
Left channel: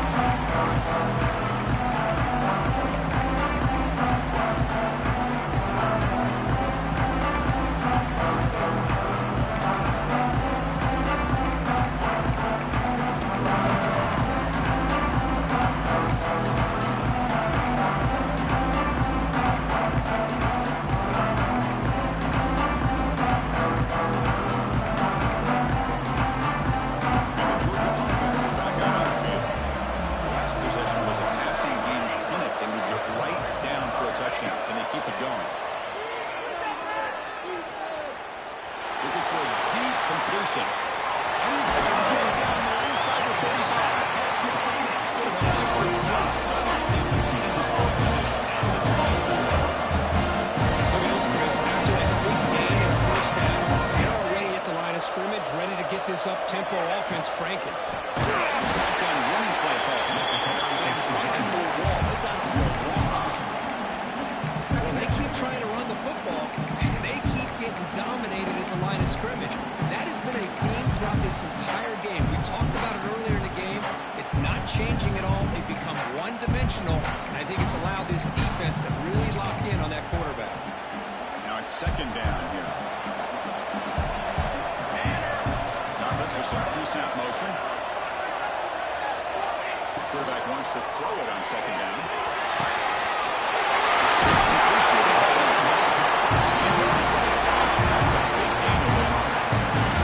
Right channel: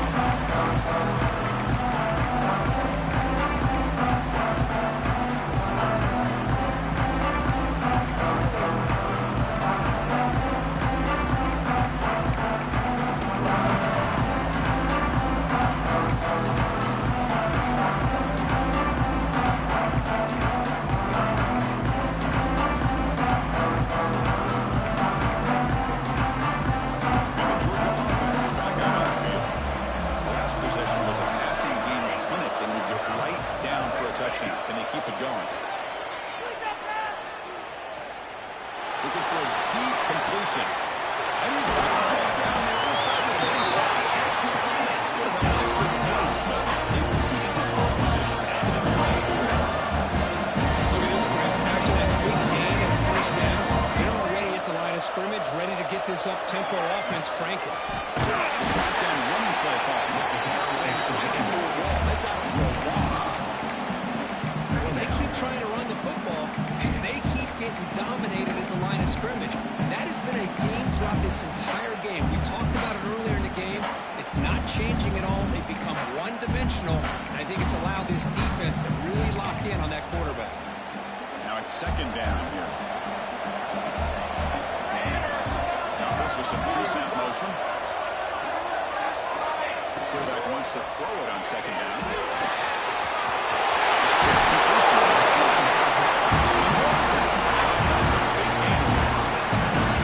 Touchdown. Can they keep it going? Looking for a deep completion. And he's down there inside the 35. What an electric play. Suddenly, in scoring position to the 24. Look at this, Chris. After that big gain and first down, they're already at the line of scrimmage, ready to get this up-tempo offense cranking. Shotgun running play call. Saints right into a wall. They've got him for a loss. Well, they keep trying to run the football, and they keep getting dominated at the line of scrimmage. That has been a theme throughout this entire game. We've talked about it earlier in the game. It's not changing at all. They've become one-dimensional, and I think it's allowed this defense to really lock in on that quarterback. Now it's second down here. The offense with some pre-snap motion. The quarterback wants to throw it on second down. That's a big gain of there.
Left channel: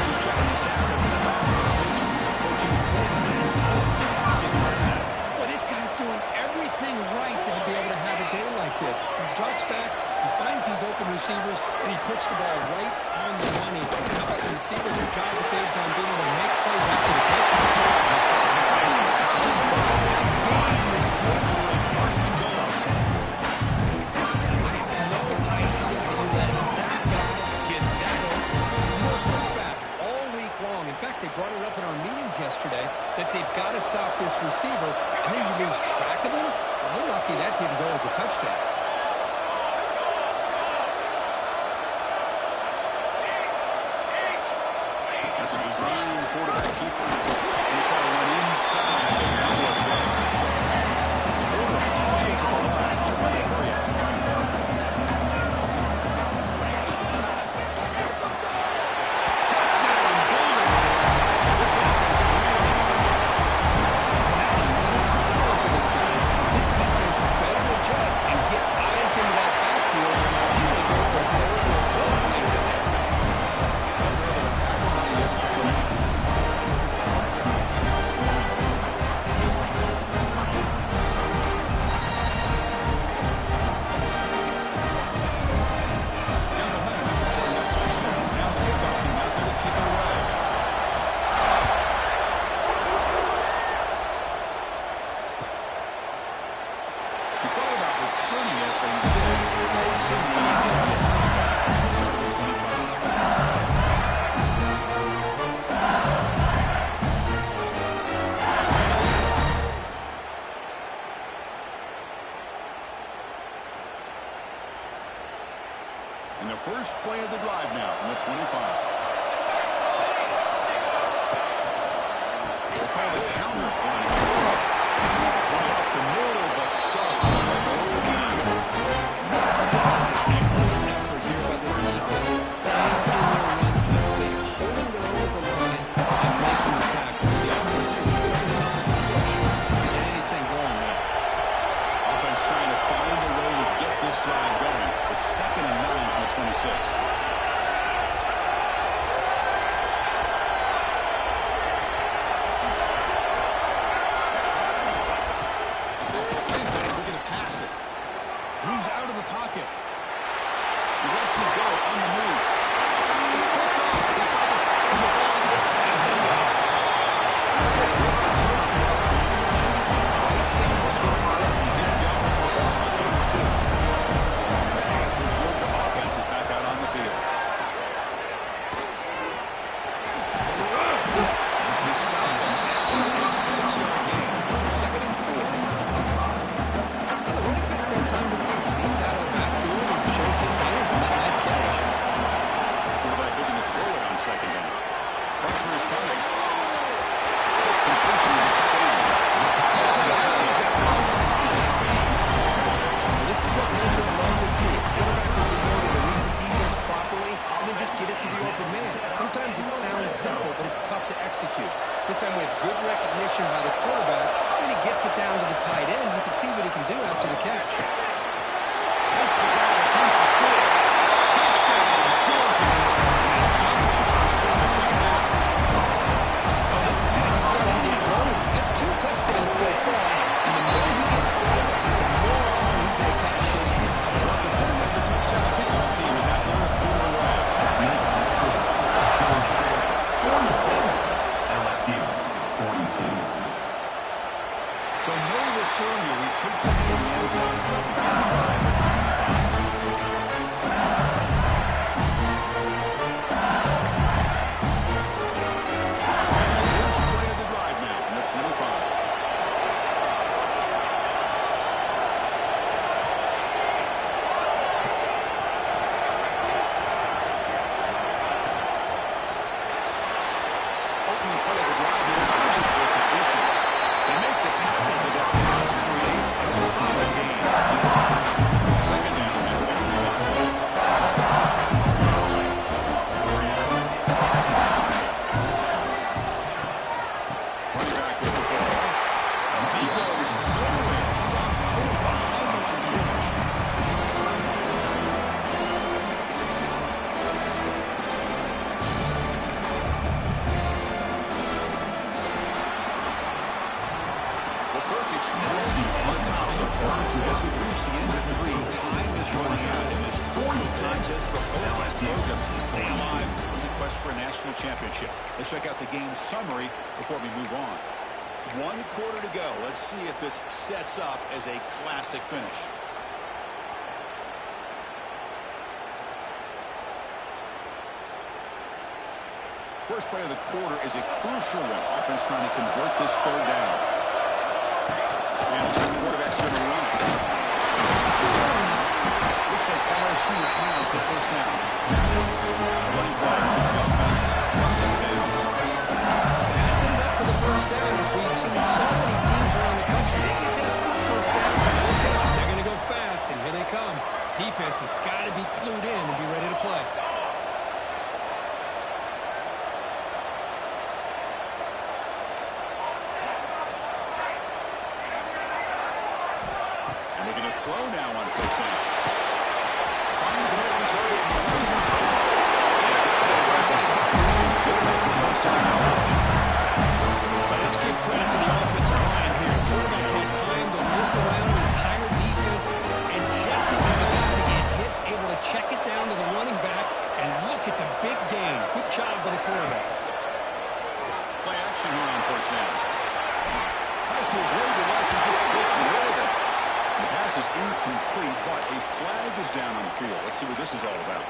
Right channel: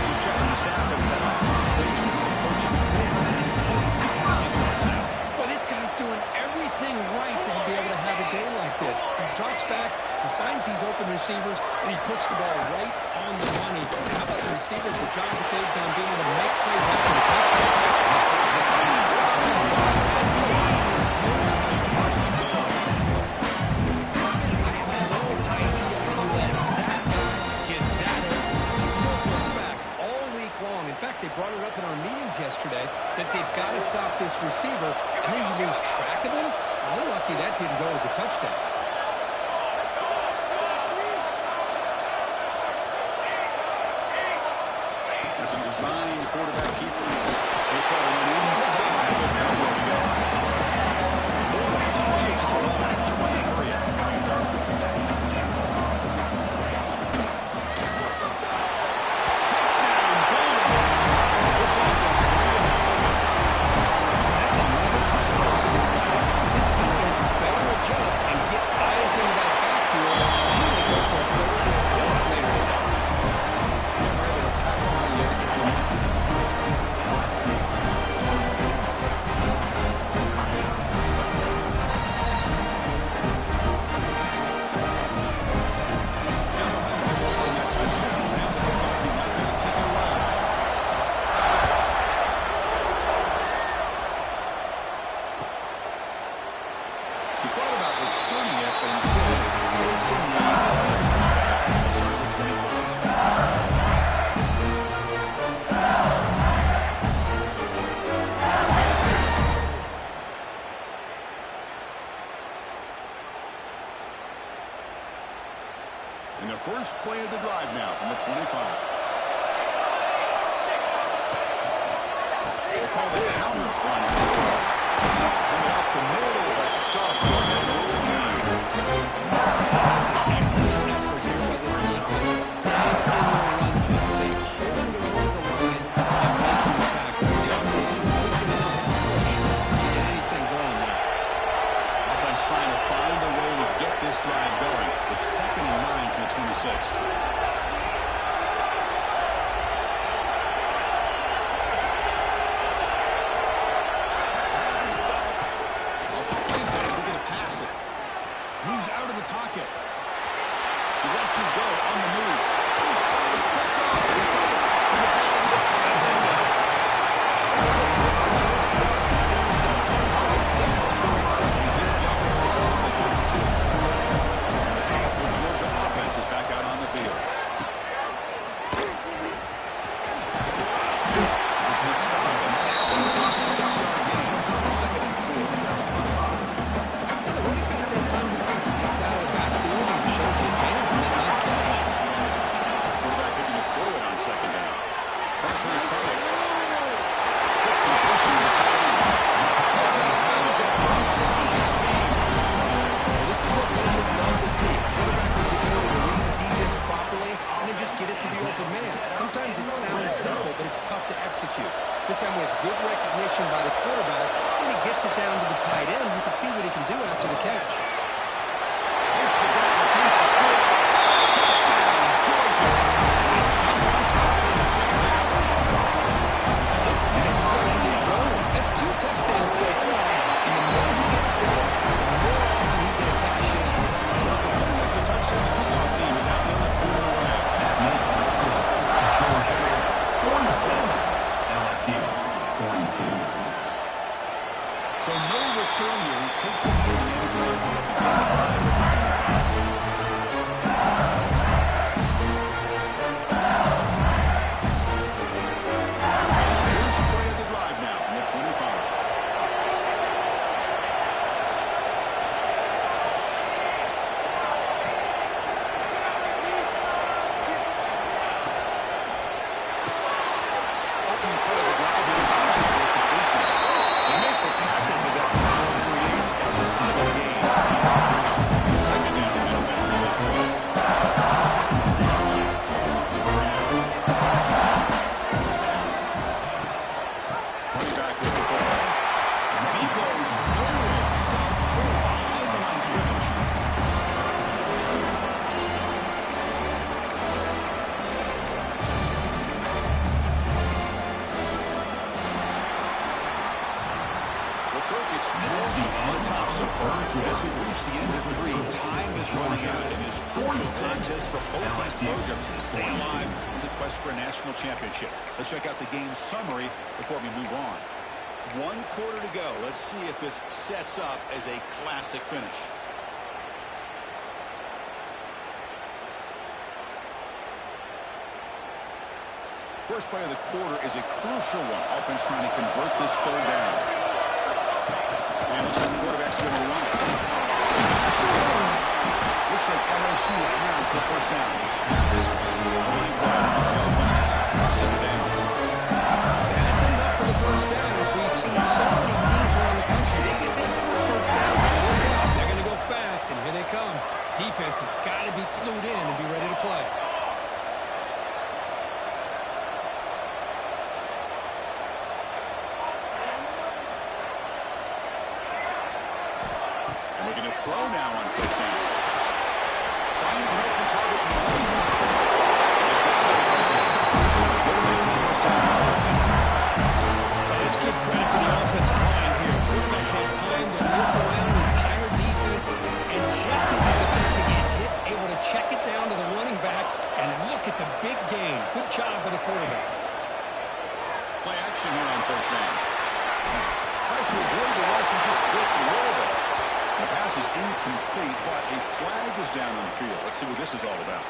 He's checking the stats after that last completion. He's approaching 450 passing yards now. Well, this guy's doing everything right to be able to have a day like this. He drops back, he finds these open receivers, and he puts the ball right on the money. And how about the receivers, the job that they've done being able to make plays after the touchdown? In fact, they brought it up in our meetings yesterday that they've got to stop this receiver, and then you lose track of him. And they're lucky that didn't go as a touchdown. That's a design quarterback keeper. He'll try to run inside the middle of the game. Toss it to the left to run the hurry up. Adjust and get eyes into that backfield. You may go for a third or a fourth later today. Never able to tackle on the extra point. Down behind him, scoring that touchdown. Now the kickoff team out there to kick it away. He thought about returning it, but instead takes a knee and a touchback. He'll start at the 25. And the first play of the drive now from the 25. We'll call the counter run here. Run it up the middle, but stuffed for the goal game. That's an excellent effort here by this defense. Staying in their run field, staying holding their own at the line and making the tackle. The offense was quick enough of a push to get anything going there. Offense trying to find a way to get this drive going. It's 2nd and 9 from the 26. Moves out of the pocket. He lets it go on the move. It's picked off. He tried to put the ball into the tight window. Interception right from the scoring front. He hits the offense the ball at 32. The Georgia offense is back out on the field. recognition by the quarterback. When he gets it down to the tight end, you can see what he can do after the catch. Makes the grab, attempts to score. Touchdown, Georgia. And jump on top in the second half. Well, this is how you start to get rolling. That's 2 touchdowns so far. And the more he gets fed, the more often he's going to cash in. Well, the putting up the touchdown kickoff team is out there to boot it away. That makes the score. Georgia 46, LSU 42. So no return here. He takes it in the end zone. He'll begin the drive at the 25. First play of the drive now from the 25. Opening play of the drive, he looks right for completion. They make the tackle for that pass, creates a solid gain. Second down, and back to this play. Running back with the football. He goes nowhere. Stop pulled behind the line of scrimmage. On top so far. As we reach the end of 3, time is running out in this crucial contest for both these programs to stay alive in the quest for a national championship. Let's check out the game summary before we move on. 1 quarter to go. Let's see if this sets up as a classic finish. First play of the quarter is a crucial one. Offense trying to convert this third down. And looks like the quarterback's going to run it. Looks like LSU has the first down. A running play puts the offense second downs. That's enough for the first down, as we've seen so many teams around the country. They get that first down. Look out. They're going to go fast, and here they come. Defense has got to be clued in and be ready to play. Looking to throw now on first down. Finds an open target on the left side. They got it right back up. Good enough for first down coverage. But let's give credit to the offensive line here. Quarterback had time to look around the entire defense, and just as he's about to get hit, able to check it down to the running back, and look at the big gain. Good job by the quarterback. Play action here on first down. Tries to avoid the rush and just gets rid of it. The pass is incomplete, but a flag is down on the field. Let's see what this is all about.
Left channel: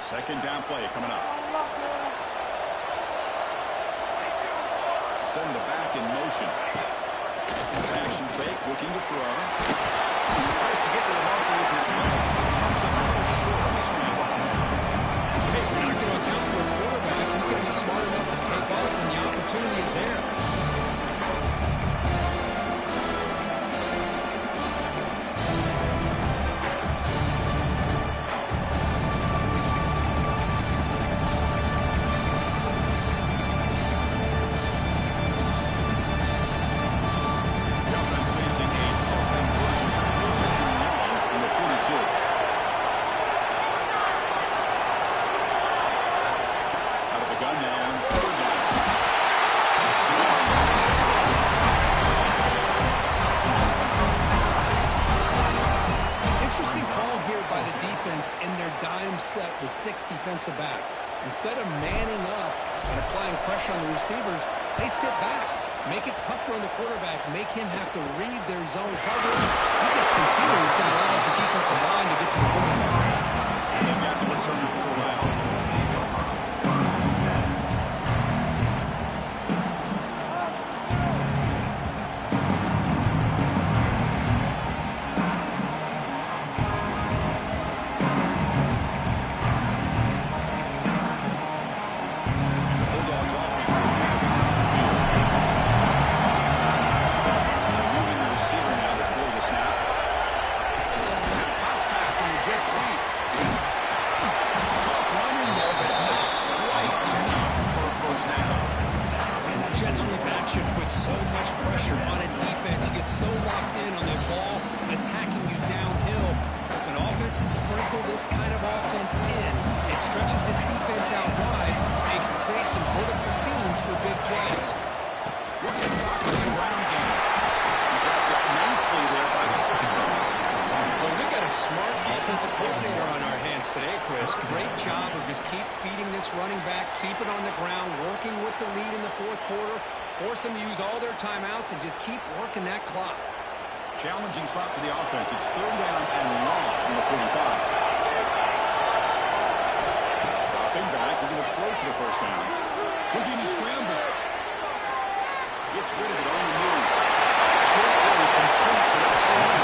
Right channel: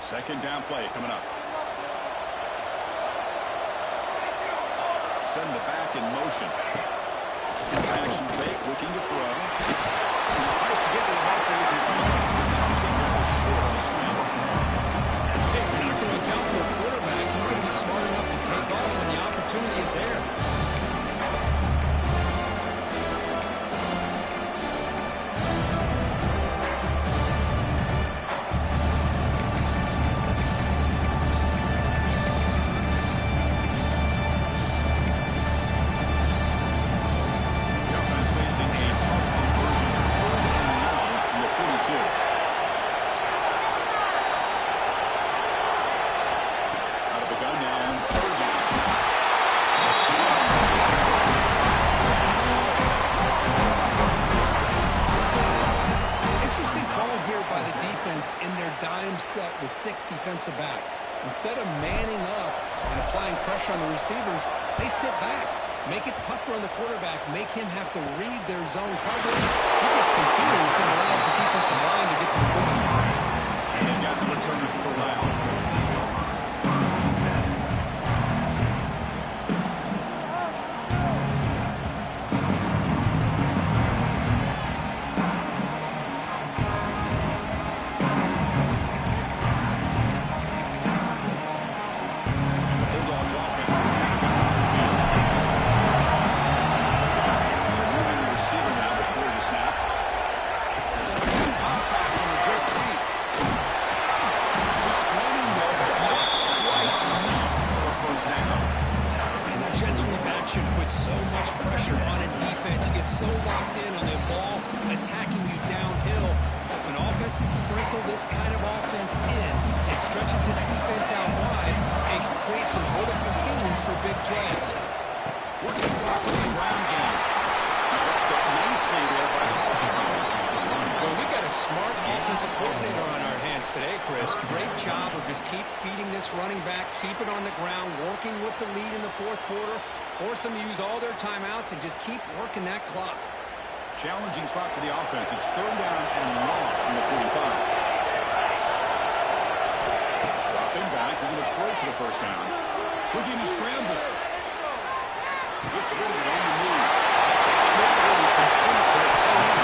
Second down play coming up. Send the back in motion. Action fake, looking to throw. Tries to get to the marker with his legs, but comes up a little short on the screen. Hey, if you're not going to account for a quarterback, you're going to be smart enough to take off when the opportunity is there. Out of the gun now on third down. Interesting call here by the defense in their dime set with 6 defensive backs. Instead of manning up and applying pressure on the receivers, they sit back. Make it tougher on the quarterback. Make him have to read their zone coverage. He gets confused and allows the defensive line to get to the quarterback. And they've got the returner corralled. locked in on the ball, attacking you downhill. When offenses sprinkle this kind of offense in, it stretches this defense out wide and can create some vertical seams for big plays. Working clock in the ground game. He's wrapped up nicely there by the freshman. Well, we've got a smart offensive coordinator on our hands today, Chris. Great job of just keep feeding this running back, keep it on the ground, working with the lead in the fourth quarter, force them to use all their timeouts, and just keep working that clock. Challenging spot for the offense. It's third down and long from the 45. Dropping back, looking to throw for the first down. Looking to scramble. Gets rid of it on the move. Short roll complete to the tail end.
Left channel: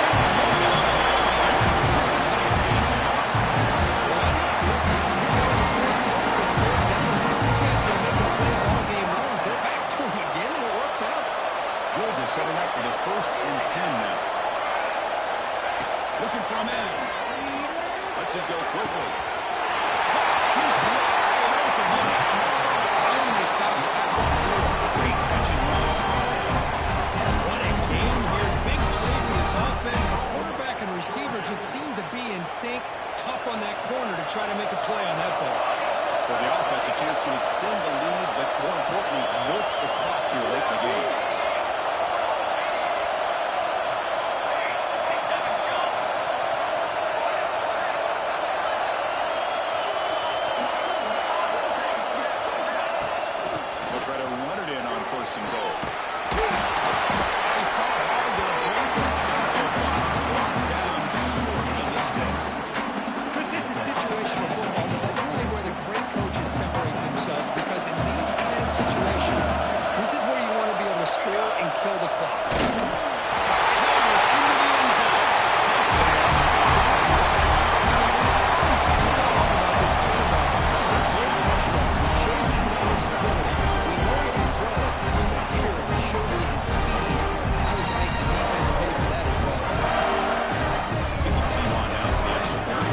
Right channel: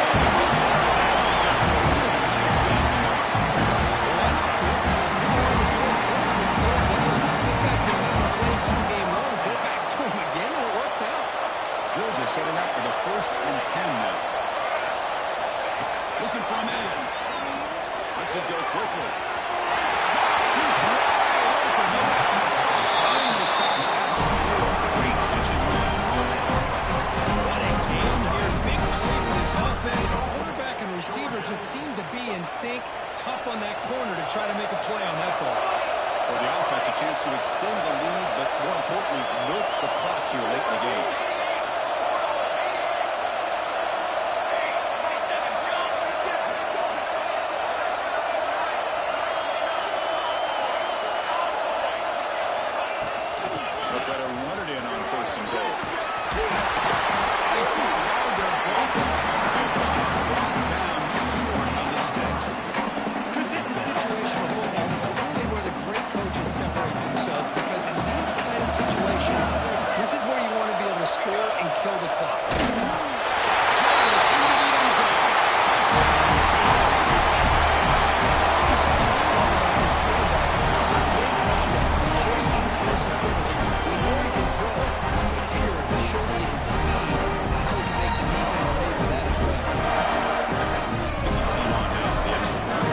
And he hits it out of bounds after a really nice game there. Well, why not, Chris? You're in the fourth quarter. It's third down. This guy's been making plays all game long. Go back to him again, and it works out. Georgia setting up for the 1st and 10 now. Looking for a man. Lets it go quickly. He's wide open. Look out. Running to stop at the 4. Great catch and run. What a game here. Big play for this offense. The quarterback and receiver just seem to be in sync. Tough on that corner to try to make a play on that ball. For the offense, a chance to extend the lead, but more importantly, milk the clock here late in the game. Try to run it in on 1st and goal. They fought hard there, broke the tackle, but brought down short of the sticks. Chris, this is situational football. This is really where the great coaches separate themselves, because in these kind of situations, this is where you want to be able to score and kill the clock. Into the end zone. Touchdown. That's what I love about this quarterback. It's a great touchdown. It shows you his versatility. We know he can throw it, but here he shows you his speed and how he can make the defense pay for that as well. Get the team on now for the extra point.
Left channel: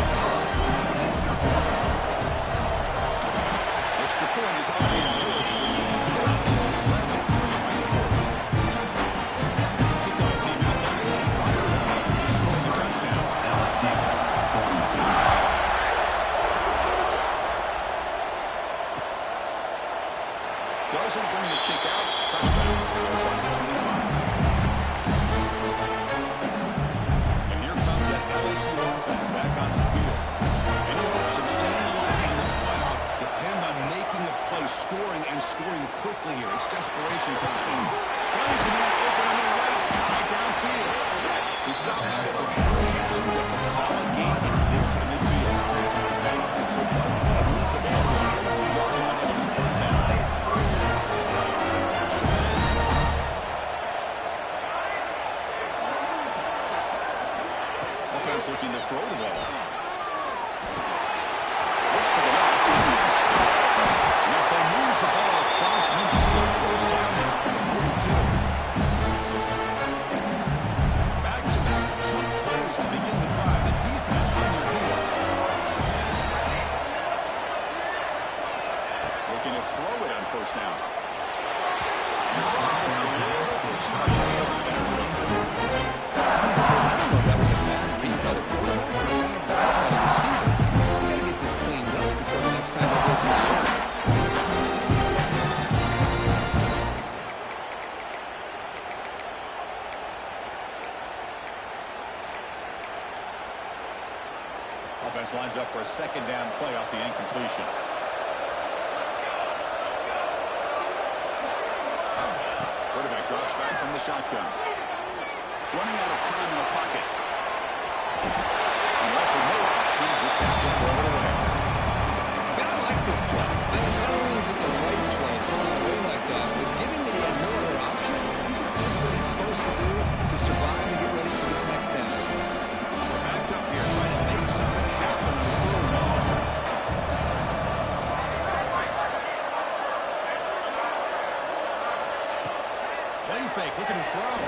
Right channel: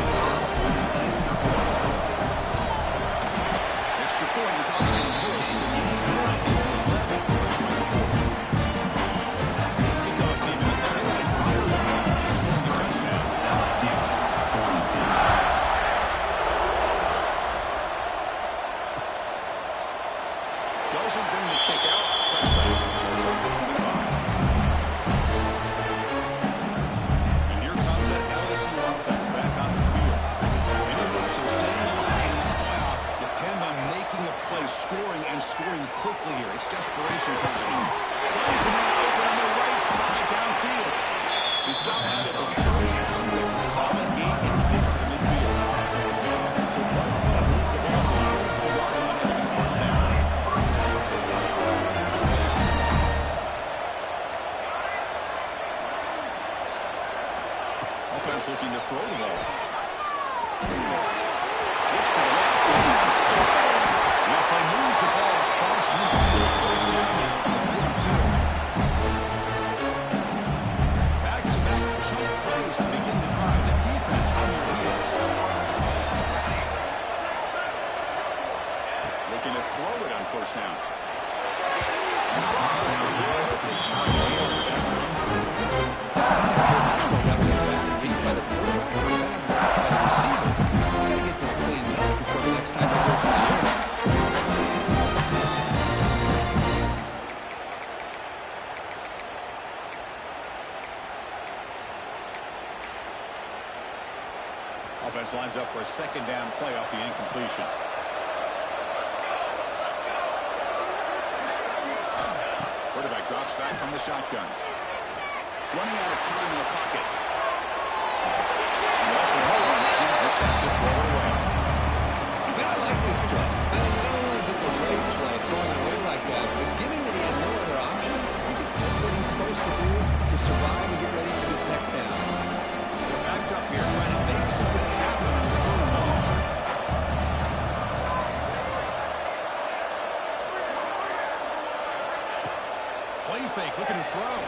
Extra point is up and good, so the lead now is 11 for the fight for. Kickoff team out there. They got fired up. He's scoring the touchdown. LSU 42. Doesn't bring the kick out. Touchback. They'll start at the 25. And here comes that LSU offense back onto the field. Any hopes of staying alive in the playoff depend on making a play, scoring, and scoring quickly here. It's desperation time. Finds a man open on the right side downfield. He stopped out at the 32. That's a solid gain. Get close to the midfield. So one play moves the ball to the 42-yard line and the first down. Offense looking to throw the ball. Looks to the left. Now play moves the ball across midfield. First down now from the 42. Back-to-back jump plays to begin the drive. The defense on their heels. Looking to throw it on first down. The sophomore a little bit too much air to that throw. Chris, I don't know if that was a bad read by the quarterback or a bad route by the receiver. We got to get this cleaned up before the next time they go through the air. Offense lines up for a second down play off the incompletion. Quarterback drops back from the shotgun. Running out of time in the pocket. And left with no option, just has to throw it away. Man, I like this play. Not only is it the right play, throwing it away like that, but given that he had no other option, he just did what he's supposed to do to survive and get ready for this next down. We're backed up here trying to make something happen on the third and long. Play fake, looking to throw.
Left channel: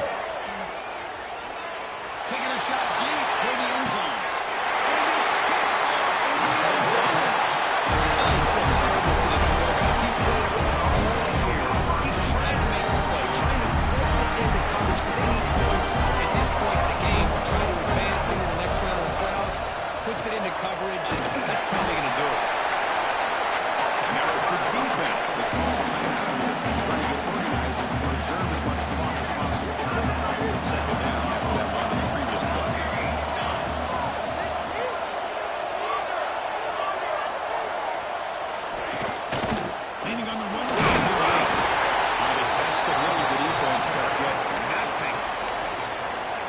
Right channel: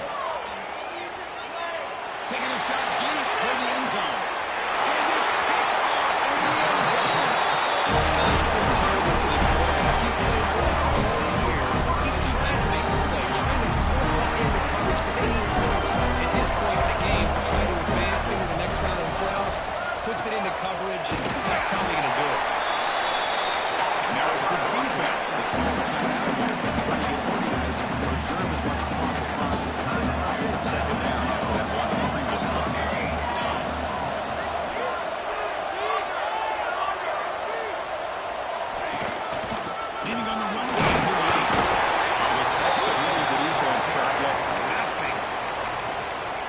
Taking a shot deep toward the end zone. And it's picked off in the end zone. I feel terrible for this quarterback. He's played well all year. He's trying to make a play, trying to force it into coverage because they need Works it into coverage, and that's probably going to do it. Now it's the defense that calls timeout here, trying to get organized and preserve as much clock as possible. Second down after that one on the previous play. Leaning on the run game here late. They test the middle of the defense, but get nothing.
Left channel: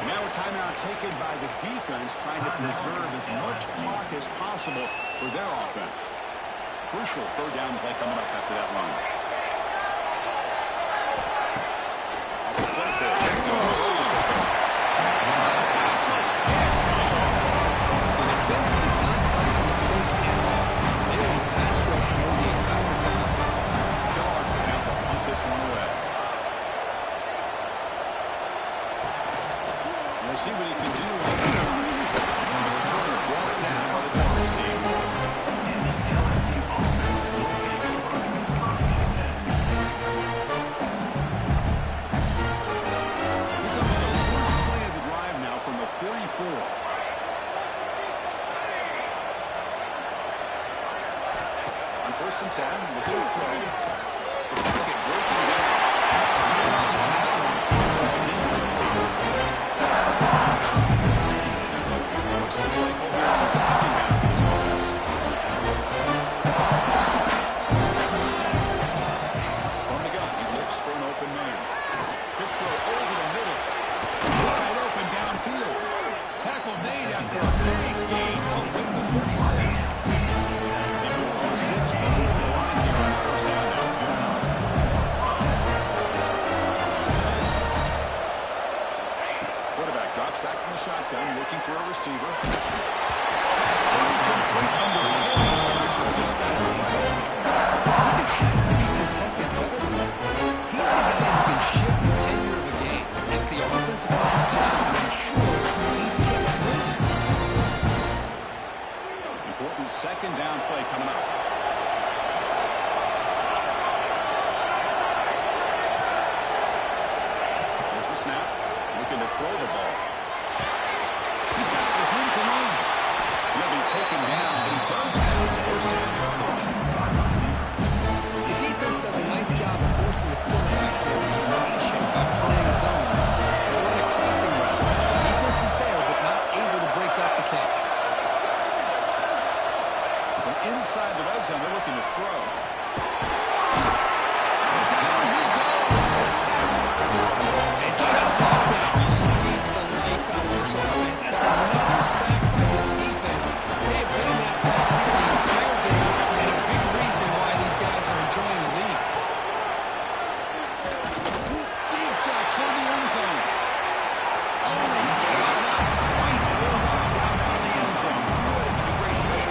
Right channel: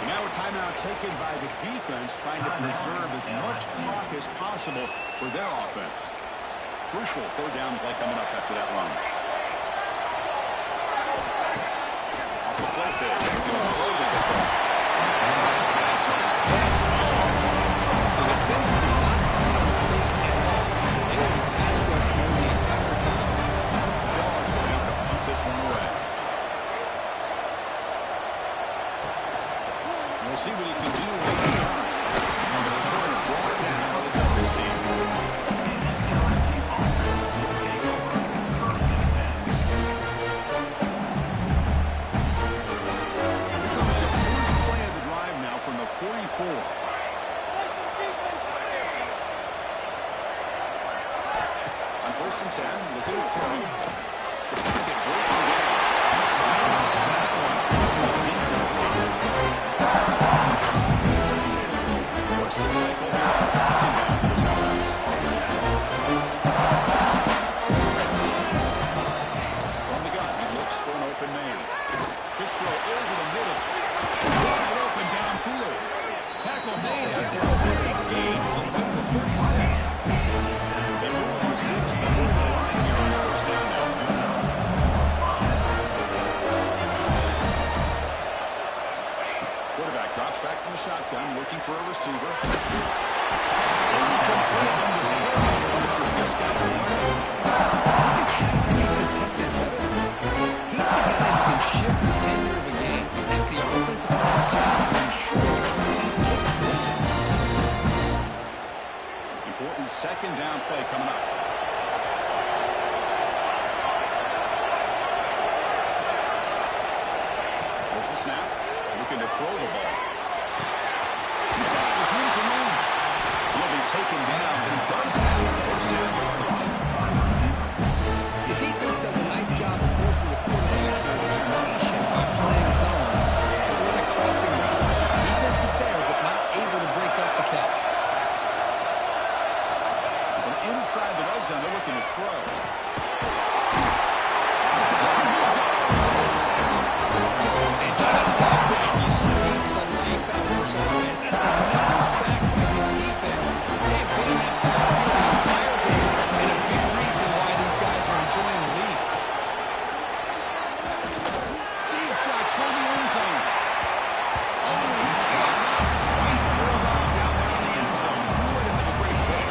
And now a timeout taken by the defense, trying to preserve as much clock as possible for their offense. Crucial third down play coming up after that run. Off the play fake. They're going to throw the football. Pass rush hits home. The defender did not bite on the fake at all. They were in pass rush mode the entire time. The Dogs will have to punt this one away. We'll see what he can do on the return. The return brought down by the Dogs team. From the 44. On 1st and 10, looking to throw. The pocket breaking down. On that one. What's the play call here on the second down for this offense? From the gun, he looks for an open man. Big throw over the middle. Wide open downfield. Tackle made after a big gain all the way to the 36. They move on 6, but over the line here on 1st down now. Quarterback drops back from the shotgun, looking for a receiver. That's incomplete under heavy pressure. Just got it away. He just has to be protected better than that. He's the guy who can shift the tenure of a game. It's the offensive line's job to ensure he's kicked clean. Important second down play coming up. There's the snap. Looking to throw the ball. He's got it with room to run. He'll be taken down, but he does have 1st down yardage. The defense does a nice job of forcing the quarterback here to be patient by playing zone. Run a crossing route. Defense is there, but not able to break up the catch. From inside the red zone, they're looking to throw. Down he goes. And just like that, you squeeze the life out of this offense. That's another sack by this defense. They have been in that backfield the entire game, and a big reason why these guys are enjoying the lead. Deep shot toward the end zone. Only cannot quite pulled off down there in the end zone. Would have been a great pick.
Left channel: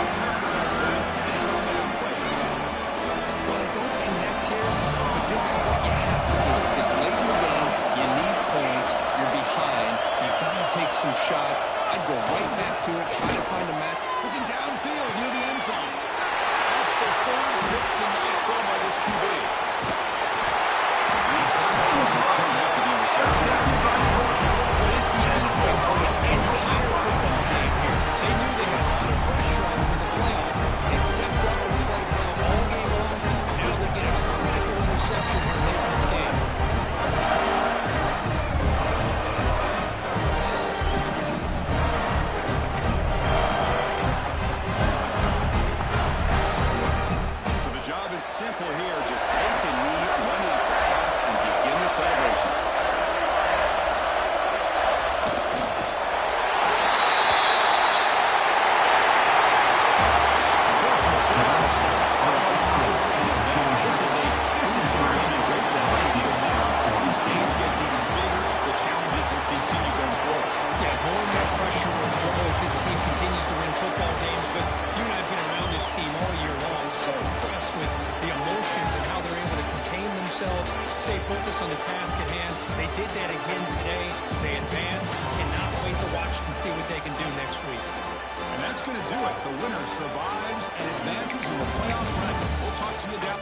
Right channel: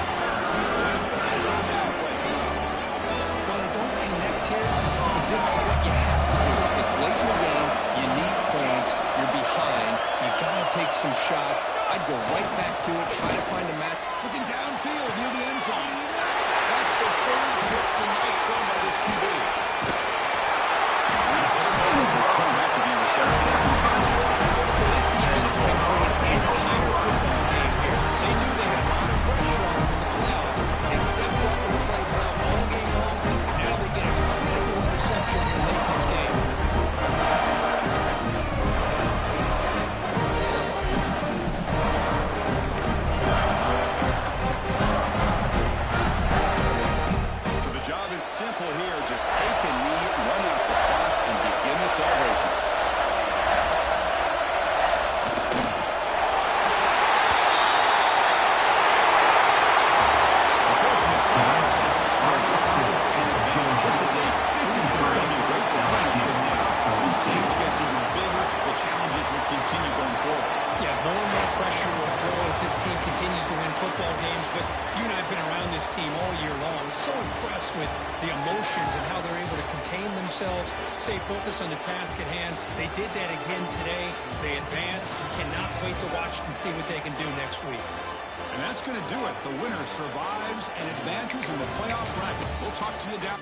Instead, another down play coming up. Well, they don't connect here, but this is what you have to do. It's late in the game. You need points. You're behind. You got to take some shots. I'd go right back to it, try to find a match. Looking downfield near the end zone. That's the 3rd pick tonight thrown by this QB. And that's a solid return after the interception. Well, this defense has been playing the entire football game here. They knew they had a lot of pressure on them in the playoffs. They stepped up and played well all game long, and now they get a critical interception here late in this game. So the job is simple here. Just take a knee, run out the clock, and begin the celebration. This is a crucial run and great for Dynasty, but now the stage gets even bigger. The challenges will continue going forward. Yeah, more and more pressure will grow as this team continues to win football games, but you and I have been around this team all year long. So impressed with the emotions and how they're able to contain themselves, stay focused on the task at hand. They did that again today. They advance. Cannot wait to watch and see what they can do next week. And that's going to do it. The winner survives and advances in the playoff bracket. We'll talk to you down.